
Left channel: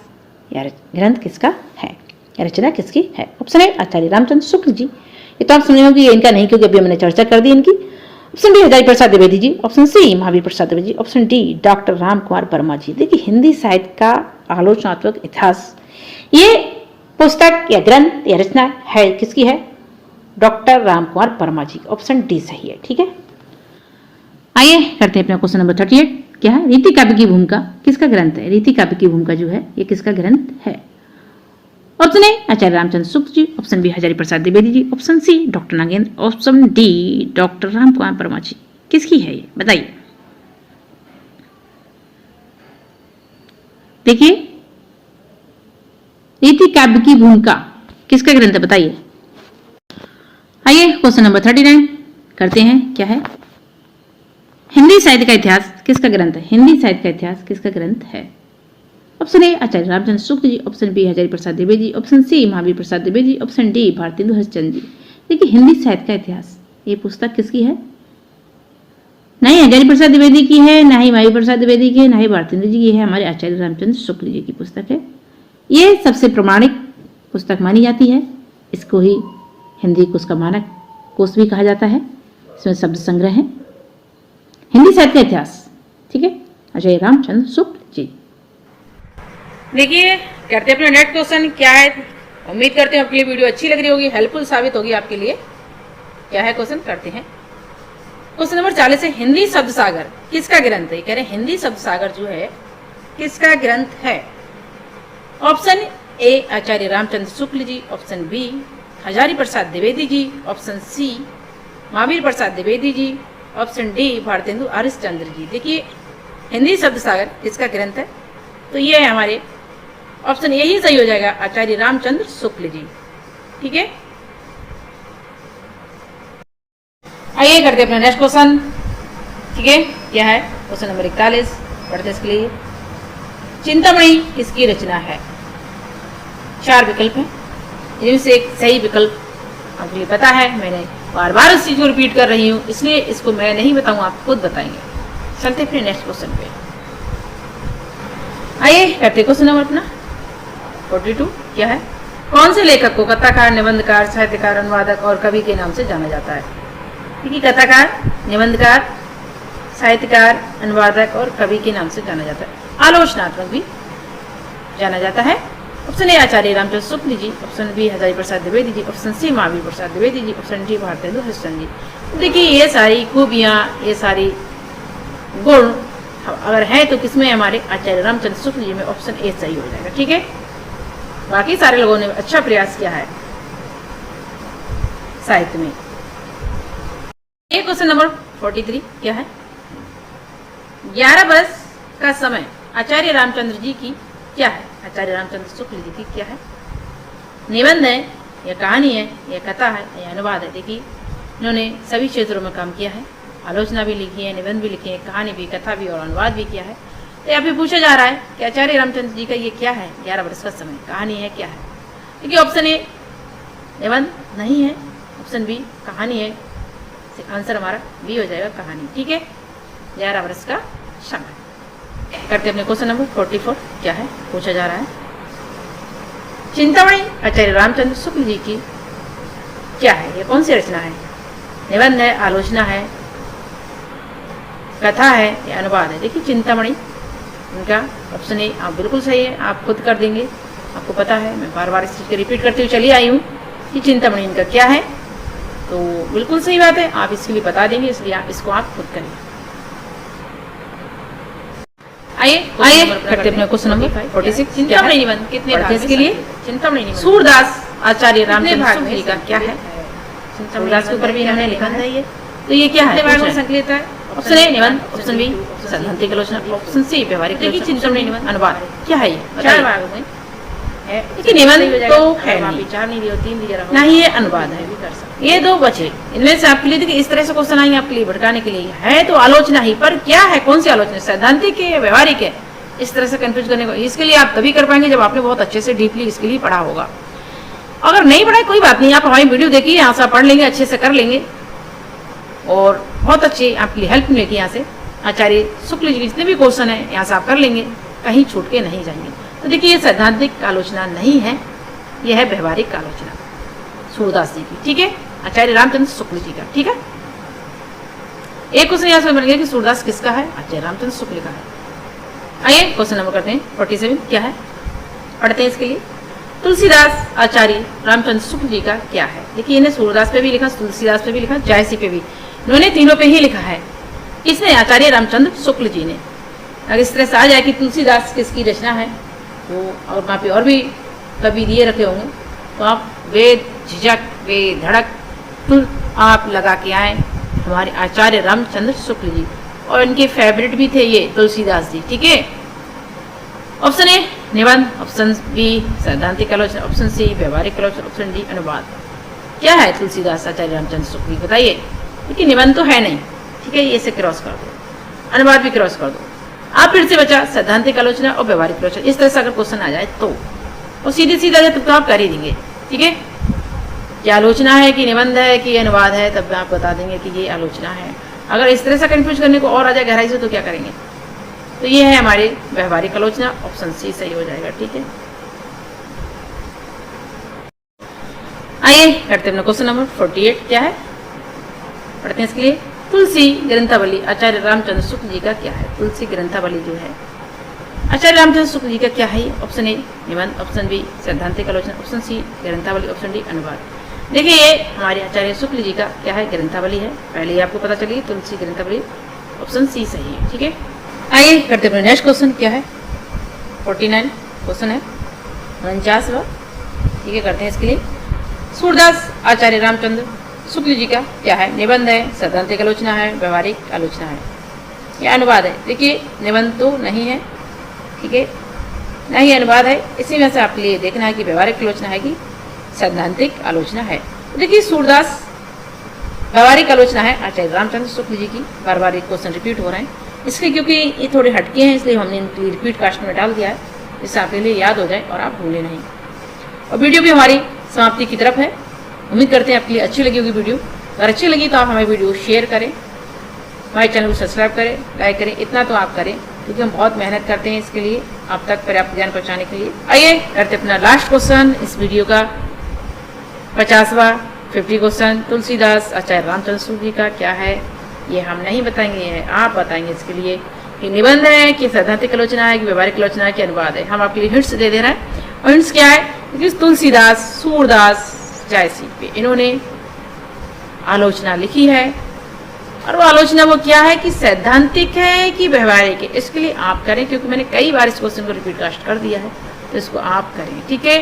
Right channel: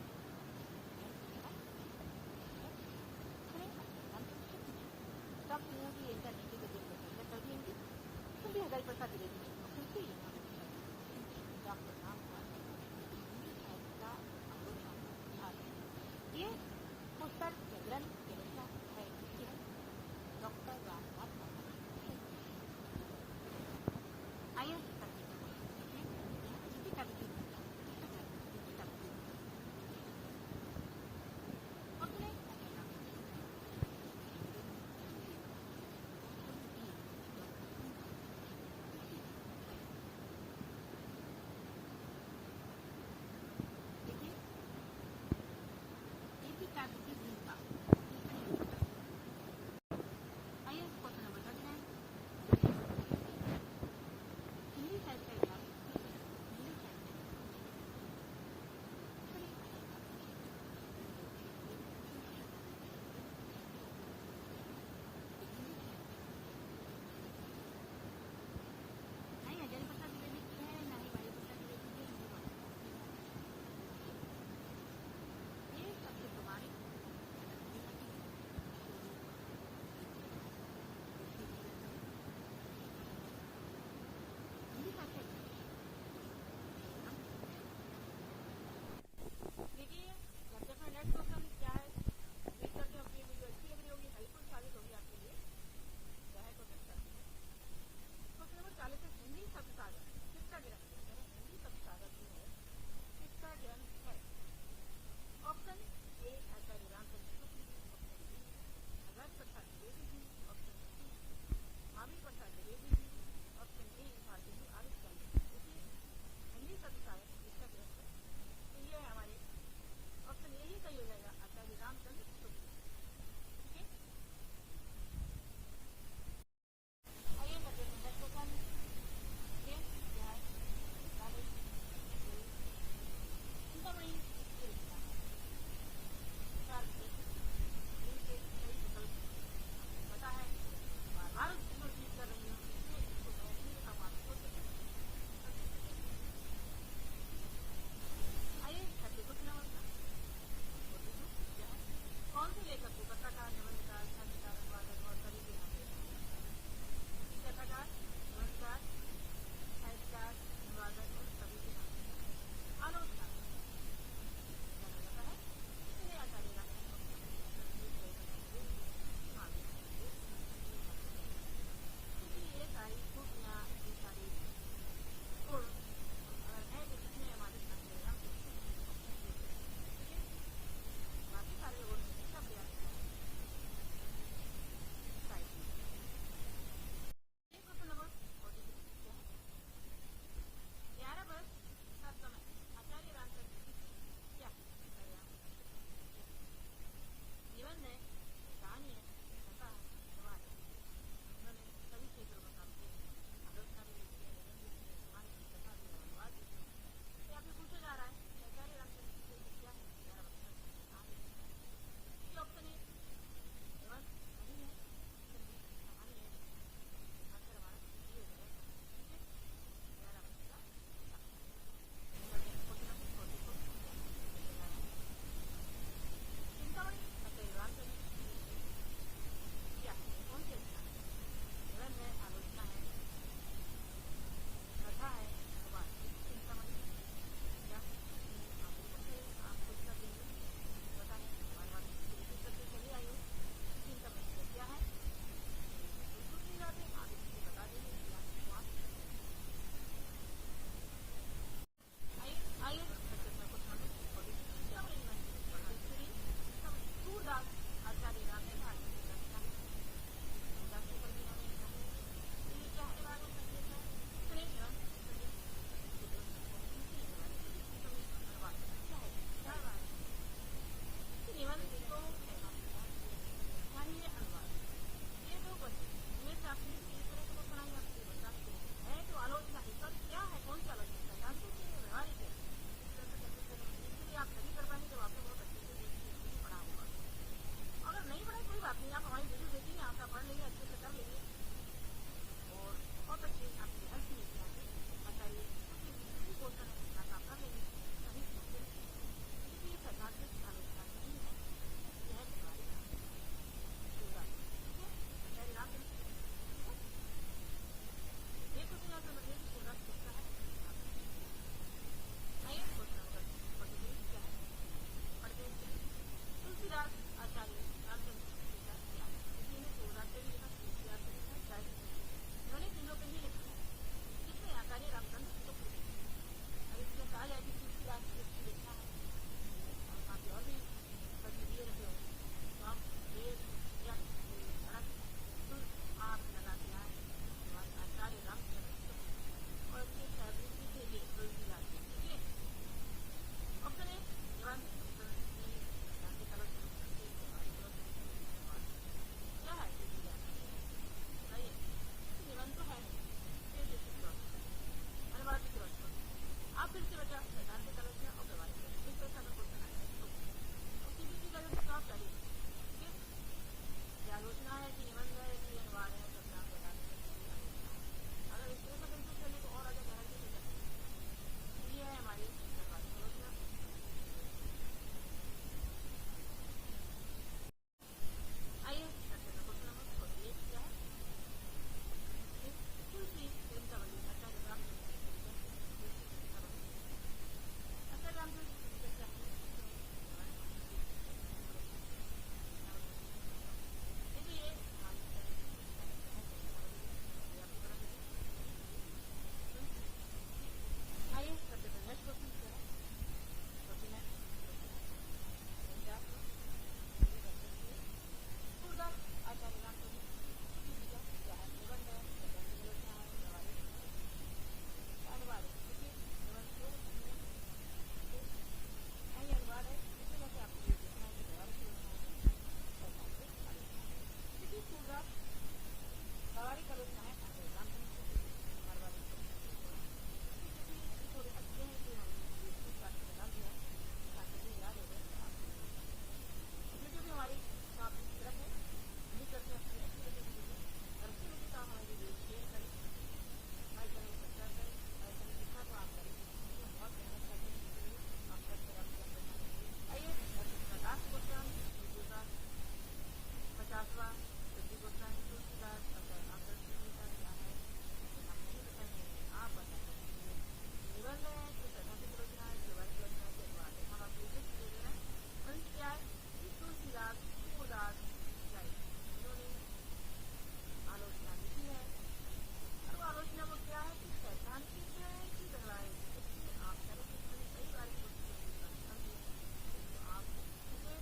या ग्रंथ किसका है, या रचना किसकी है। ऑप्शन ए आचार्य रामचंद्र शुक्ल जी, ये तो आप समझ होंगे ये इनका नहीं, क्योंकि अभी मैंने चर्चा कर दी इनकी। Option B Hazari Prasad Dwivedi ji, option C Mahavir Prasad Dwivedi ji, option D doctor Ram Kumar Verma ji. देखिए हिंदी साहित्य का आलोचनात्मक इतिहास ये पुस्तक या ग्रंथ या रचना है किसकी है, डॉक्टर राम कुमार वर्मा जी। ऑप्शन डी सही है। ठीक है, आइए करते हैं अपना क्वेश्चन नंबर 38। क्या है, रीति काव्य की भूमिका किसका ग्रंथ है। रीति काव्य की भूमिका जो है ये किसका ग्रंथ है। Option A Acharya Ramchandra Shukla ji, option B Hazari Prasad Dwivedi ji, option C doctor Nagendra, option D doctor Ram Kumar Verma ji. किसकी है ये बताइए। देखिए, रीति काव्य की भूमिका किसका ग्रंथ है बताइए। आइए क्वेश्चन नंबर 39 करते हैं। क्या है? हिंदी साहित्य का इतिहास किसका ग्रंथ है? हिंदी साहित्य का इतिहास किसका ग्रंथ है? Option A Acharya Ramchandra Shukla ji, option B Hazari Prasad Dwivedi ji, option C Mahavir Prasad Dwivedi ji, option D Bharatendu Harishchandra ji. देखिए, हिंदी साहित्य का इतिहास ये पुस्तक किसकी है? नहीं हजारी प्रसाद द्विवेदी की है, ना ही महावीर प्रसाद द्विवेदी की है, ना ही भारतेंदु जी की है, हमारे आचार्य रामचंद्र शुक्ल जी की पुस्तक है। ये सबसे प्रमाणिक पुस्तक मानी जाती है। इसको ही हिंदी कोश का मानक कोश भी कहा जाता है। इसमें शब्द संग्रह है। हिंदी साहित्य का इतिहास, ठीक है, आचार्य रामचंद्र शुक्ल जी। देखिए, करते अपने नेक्स्ट क्वेश्चन। क्या है? उम्मीद करते हैं आपके लिए वीडियो अच्छी लग रही होगी, हेल्पफुल साबित होगी आपके लिए। क्या है क्वेश्चन? करते हैं। क्वेश्चन नंबर 40 है, हिंदी शब्द सागर किसका ग्रंथ है? कह रहे हिंदी शब्द सागर जो है किसका ग्रंथ है? Option A Acharya Ramchandra Shukla ji, option B Hazari Prasad Dwivedi ji, option C Mahavir Prasad Dwivedi ji, option D Bharatendu Harishchandra ji. देखिए, हिंदी शब्द सागर किसका ग्रंथ है? तो ये है हमारे ऑप्शन यही सही हो जाएगा, आचार्य रामचंद्र शुक्ल जी। ठीक है, आइए करते अपना नेक्स्ट क्वेश्चन। ठीक है, क्या है? क्वेश्चन नंबर 41 पढ़ते इसके लिए। चिंतामणि किसकी रचना है? 4 विकल्प हैं, जिनमें एक सही विकल्प आपके लिए पता है। मैंने बार बार इस चीज को रिपीट कर रही हूँ, इसलिए इसको मैं नहीं बताऊंगा, आप खुद बताएंगे। चलते फिर नेक्स्ट क्वेश्चन पे। आइए करते क्वेश्चन नंबर अपना 42। क्या है? कौन से लेखक को कथाकार, निबंधकार, साहित्यकार, अनुवादक और कवि के नाम से जाना जाता है? देखिए, कथाकार, निबंधकार, साहित्यकार, अनुवादक और कवि के नाम से जाना जाता है। आलोचनात्मक भी जाना जाता है। Option A Acharya Ramchandra Shukla ji, option B Hazari Prasad Dwivedi ji, option C Mahavir Prasad Dwivedi ji, option D Bharatendu Harishchandra ji. देखिए, ये सारी खूबियां, ये सारी गुण अगर है तो किसमें? हमारे आचार्य रामचंद्र शुक्ल जी में। ऑप्शन ए सही हो जाएगा। ठीक है, बाकी सारे लोगों ने अच्छा प्रयास किया है साहित्य में। एक क्वेश्चन नंबर 43 क्या है? 11 वर्ष का समय आचार्य रामचंद्र जी की क्या है? आचार्य रामचंद्र शुक्ल जी की क्या है? निबंध है या कहानी है या कथा है या अनुवाद है? देखिए, इन्होंने सभी क्षेत्रों में काम किया है। आलोचना भी लिखी है, निबंध भी लिखे हैं, कहानी भी, कथा भी और अनुवाद भी किया है। तो यहाँ पे पूछा जा रहा है कि आचार्य रामचंद्र जी का ये क्या है? 11 वर्ष का समय, कहानी है, क्या है? देखिए, ऑप्शन ए निबंध नहीं है, ऑप्शन बी कहानी है, आंसर हमारा बी हो जाएगा, कहानी। ठीक है, 11 वर्ष का समय। करते अपने क्वेश्चन नंबर 44। क्या है? पूछा जा रहा है चिंतामणि आचार्य रामचंद्र शुक्ल जी की क्या है? ये कौन सी रचना है? निबंध है, आलोचना है, कथा है या अनुवाद है? देखिए, चिंतामणि इनका ऑप्शन ए आप बिल्कुल सही है, आप खुद कर देंगे, आपको पता है। मैं बार बार इस चीज को रिपीट करते हुए चली आई हूँ कि चिंतामणि इनका क्या है, तो बिल्कुल सही बात है, आप इसके लिए बता देंगे, इसलिए आप इसको आप खुद करें। आइए करते अपने क्वेश्चन नंबर 46। चिंतामणि निबंध कितने भाग में? इसके लिए चिंतामणि निबंध सूरदास आचार्य रामचंद्र शुक्ल जी का क्या है? सूरदास के ऊपर भी हमने लिखा है ये, तो ये क्या है? भाग में संकलित है। ऑप्शन ए निबंध, ऑप्शन बी सैद्धांतिक आलोचना, ऑप्शन सी व्यवहारिक आलोचना, चिंतामणि निबंध अनुवाद। क्या है ये? 4 भागों में है। देखिए, निबंध तो है नहीं, 4 नहीं दिया, 3 दिया, ना ही ये अनुवाद है। ये 2 बचे। इनमें से आपके लिए देखिए इस तरह से क्वेश्चन आएंगे आपके लिए भटकाने के लिए। है तो आलोचना ही, पर क्या है, कौन सी आलोचना? सैद्धांतिक है, व्यवहारिक है? इस तरह से कंफ्यूज करने को, इसके लिए आप तभी कर पाएंगे जब आपने बहुत अच्छे से डीपली इसके लिए पढ़ा होगा। अगर नहीं पढ़ा कोई बात नहीं, आप हमारी वीडियो देखिए, यहाँ से पढ़ लेंगे, अच्छे से कर लेंगे और बहुत अच्छी आपके लिए हेल्प मिलेगी। यहाँ से आचार्य शुक्ल जी के जितने भी क्वेश्चन है यहाँ से आप कर लेंगे, कहीं छूट के नहीं जाएंगे। तो देखिए, ये सैद्धांतिक आलोचना नहीं है, यह है व्यवहारिक आलोचना सूरदास जी की। ठीक है, आचार्य रामचंद्र शुक्ल जी का। ठीक है, एक क्वेश्चन यहाँ से बन गया कि सूरदास किसका है? आचार्य रामचंद्र शुक्ल का है। आइए क्वेश्चन नंबर करते हैं 47। क्या है? पढ़ते हैं इसके लिए। तुलसीदास आचार्य रामचंद्र शुक्ल जी का क्या है? देखिए, इन्हें सूरदास पे भी लिखा, तुलसीदास पे भी लिखा, जायसी पे भी, इन्होंने तीनों पे ही लिखा है। इसने आचार्य रामचंद्र शुक्ल जी ने। अगर इस तरह से आ जाए कि तुलसीदास किसकी रचना है, तो और वहाँ पे और भी कवि दिए रखे होंगे, तो आप बेझिझक बेधड़क तुल आप लगा के आए हमारे आचार्य रामचंद्र शुक्ल जी। और इनके फेवरेट भी थे ये तुलसीदास जी। ठीक है, ऑप्शन ए निबंध, ऑप्शन बी सैद्धांतिक आलोचना, ऑप्शन सी व्यवहारिक आलोचना, ऑप्शन डी अनुवाद। क्या है तुलसीदास आचार्य रामचंद्र शुक्ल, बताइए। क्योंकि निबंध तो है नहीं, ठीक है, ये से क्रॉस कर दो, अनुवाद भी क्रॉस कर दो। आप फिर से बचा सैद्धांतिक आलोचना और व्यवहारिक आलोचना। इस तरह से अगर क्वेश्चन आ जाए तो और सीधे सीधा जाए तो आप कर ही देंगे, ठीक है। क्या आलोचना है कि निबंध है कि अनुवाद है, तब आप बता देंगे कि ये आलोचना है। अगर इस तरह से कंफ्यूज करने को और आ जाए गहराई से तो क्या करेंगे। तो ये है हमारी व्यवहारिक आलोचना, ऑप्शन सी सही हो जाएगा, ठीक है। आइए करते हैं क्वेश्चन नंबर 48। क्या है पढ़ते हैं इसके लिए। तुलसी ग्रंथावली आचार्य रामचंद्र शुक्ल जी का क्या है। तुलसी ग्रंथावली जो है आचार्य रामचंद्र शुक्ल जी का क्या है। ऑप्शन ए निबंध, ऑप्शन बी सैद्धांतिक आलोचना, ऑप्शन सी ग्रंथावली, ऑप्शन डी अनुवाद। देखिए ये हमारे आचार्य शुक्ल जी का क्या है, ग्रंथावली है। पहले ही आपको पता चली तुलसी ग्रंथावली, ऑप्शन सी सही है, ठीक है। आइए करते हैं नेक्स्ट क्वेश्चन। क्या है 49 क्वेश्चन है 49वां, ठीक है। करते हैं इसके लिए। सूरदास आचार्य रामचंद्र शुक्ल जी का क्या है। निबंध है, सैद्धांतिक आलोचना है, व्यवहारिक आलोचना है या अनुवाद है। देखिए निबंध तो नहीं है, ठीक है, नहीं अनुवाद है। इसी में से आपके लिए देखना है कि व्यवहारिक आलोचना है कि सैद्धांतिक आलोचना है। तो देखिए सूरदास व्यवहारिक आलोचना है आचार्य रामचंद्र शुक्ल जी की। बार बार एक क्वेश्चन रिपीट हो रहे हैं इसलिए, क्योंकि ये थोड़े हटके हैं इसलिए हमने इनकी रिपीट कास्ट में डाल दिया है, जिससे आपके लिए याद हो जाए और आप भूलें नहीं। और वीडियो भी हमारी समाप्ति की तरफ है। उम्मीद करते हैं आपके लिए अच्छी लगी होगी वीडियो। अगर अच्छी लगी तो आप हमें वीडियो शेयर करें, हमारे चैनल को सब्सक्राइब करें, लाइक करें। इतना तो आप करें क्योंकि हम बहुत मेहनत करते हैं इसके लिए, आप तक पर्याप्त ज्ञान पहुंचाने के लिए। आइए करते अपना लास्ट क्वेश्चन इस वीडियो का 50वां 50 क्वेश्चन। तुलसीदास आचार्य रामचंद्र शुक्ल जी का क्या है। ये हम नहीं बताएंगे, ये आप बताएंगे इसके लिए कि निबंध है कि सैद्धांतिक आलोचना है कि व्यवहारिक आलोचना है कि अनुवाद है। हम आपके लिए हिंट्स दे रहे हैं। और हिंट्स क्या है, तुलसीदास, सूरदास, जैसी पे इन्होंने आलोचना लिखी है और वो आलोचना वो क्या है कि सैद्धांतिक है कि व्यवहारिक है। इसके लिए आप करें, क्योंकि मैंने कई बार इस क्वेश्चन को रिपीट कास्ट कर दिया है, तो इसको आप करें, ठीक है।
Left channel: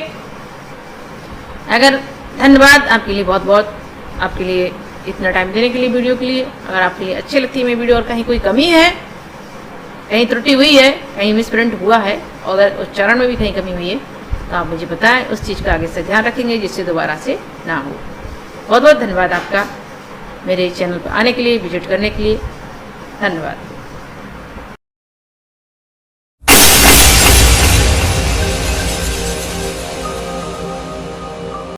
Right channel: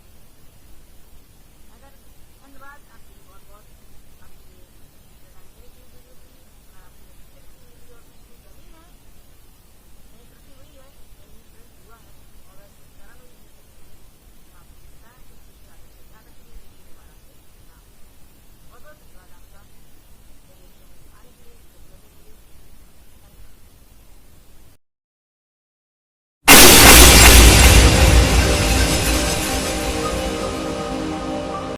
अगर धन्यवाद आपके लिए, बहुत बहुत आपके लिए इतना टाइम देने के लिए वीडियो के लिए। अगर आपके लिए अच्छी लगती है मेरी वीडियो और कहीं कोई कमी है, कहीं त्रुटि हुई है, कहीं मिसप्रिंट हुआ है और अगर उच्चारण में भी कहीं कमी हुई है तो आप मुझे बताएं, उस चीज़ का आगे से ध्यान रखेंगे जिससे दोबारा से ना हो। बहुत बहुत धन्यवाद आपका मेरे चैनल पर आने के लिए, विजिट करने के लिए। धन्यवाद।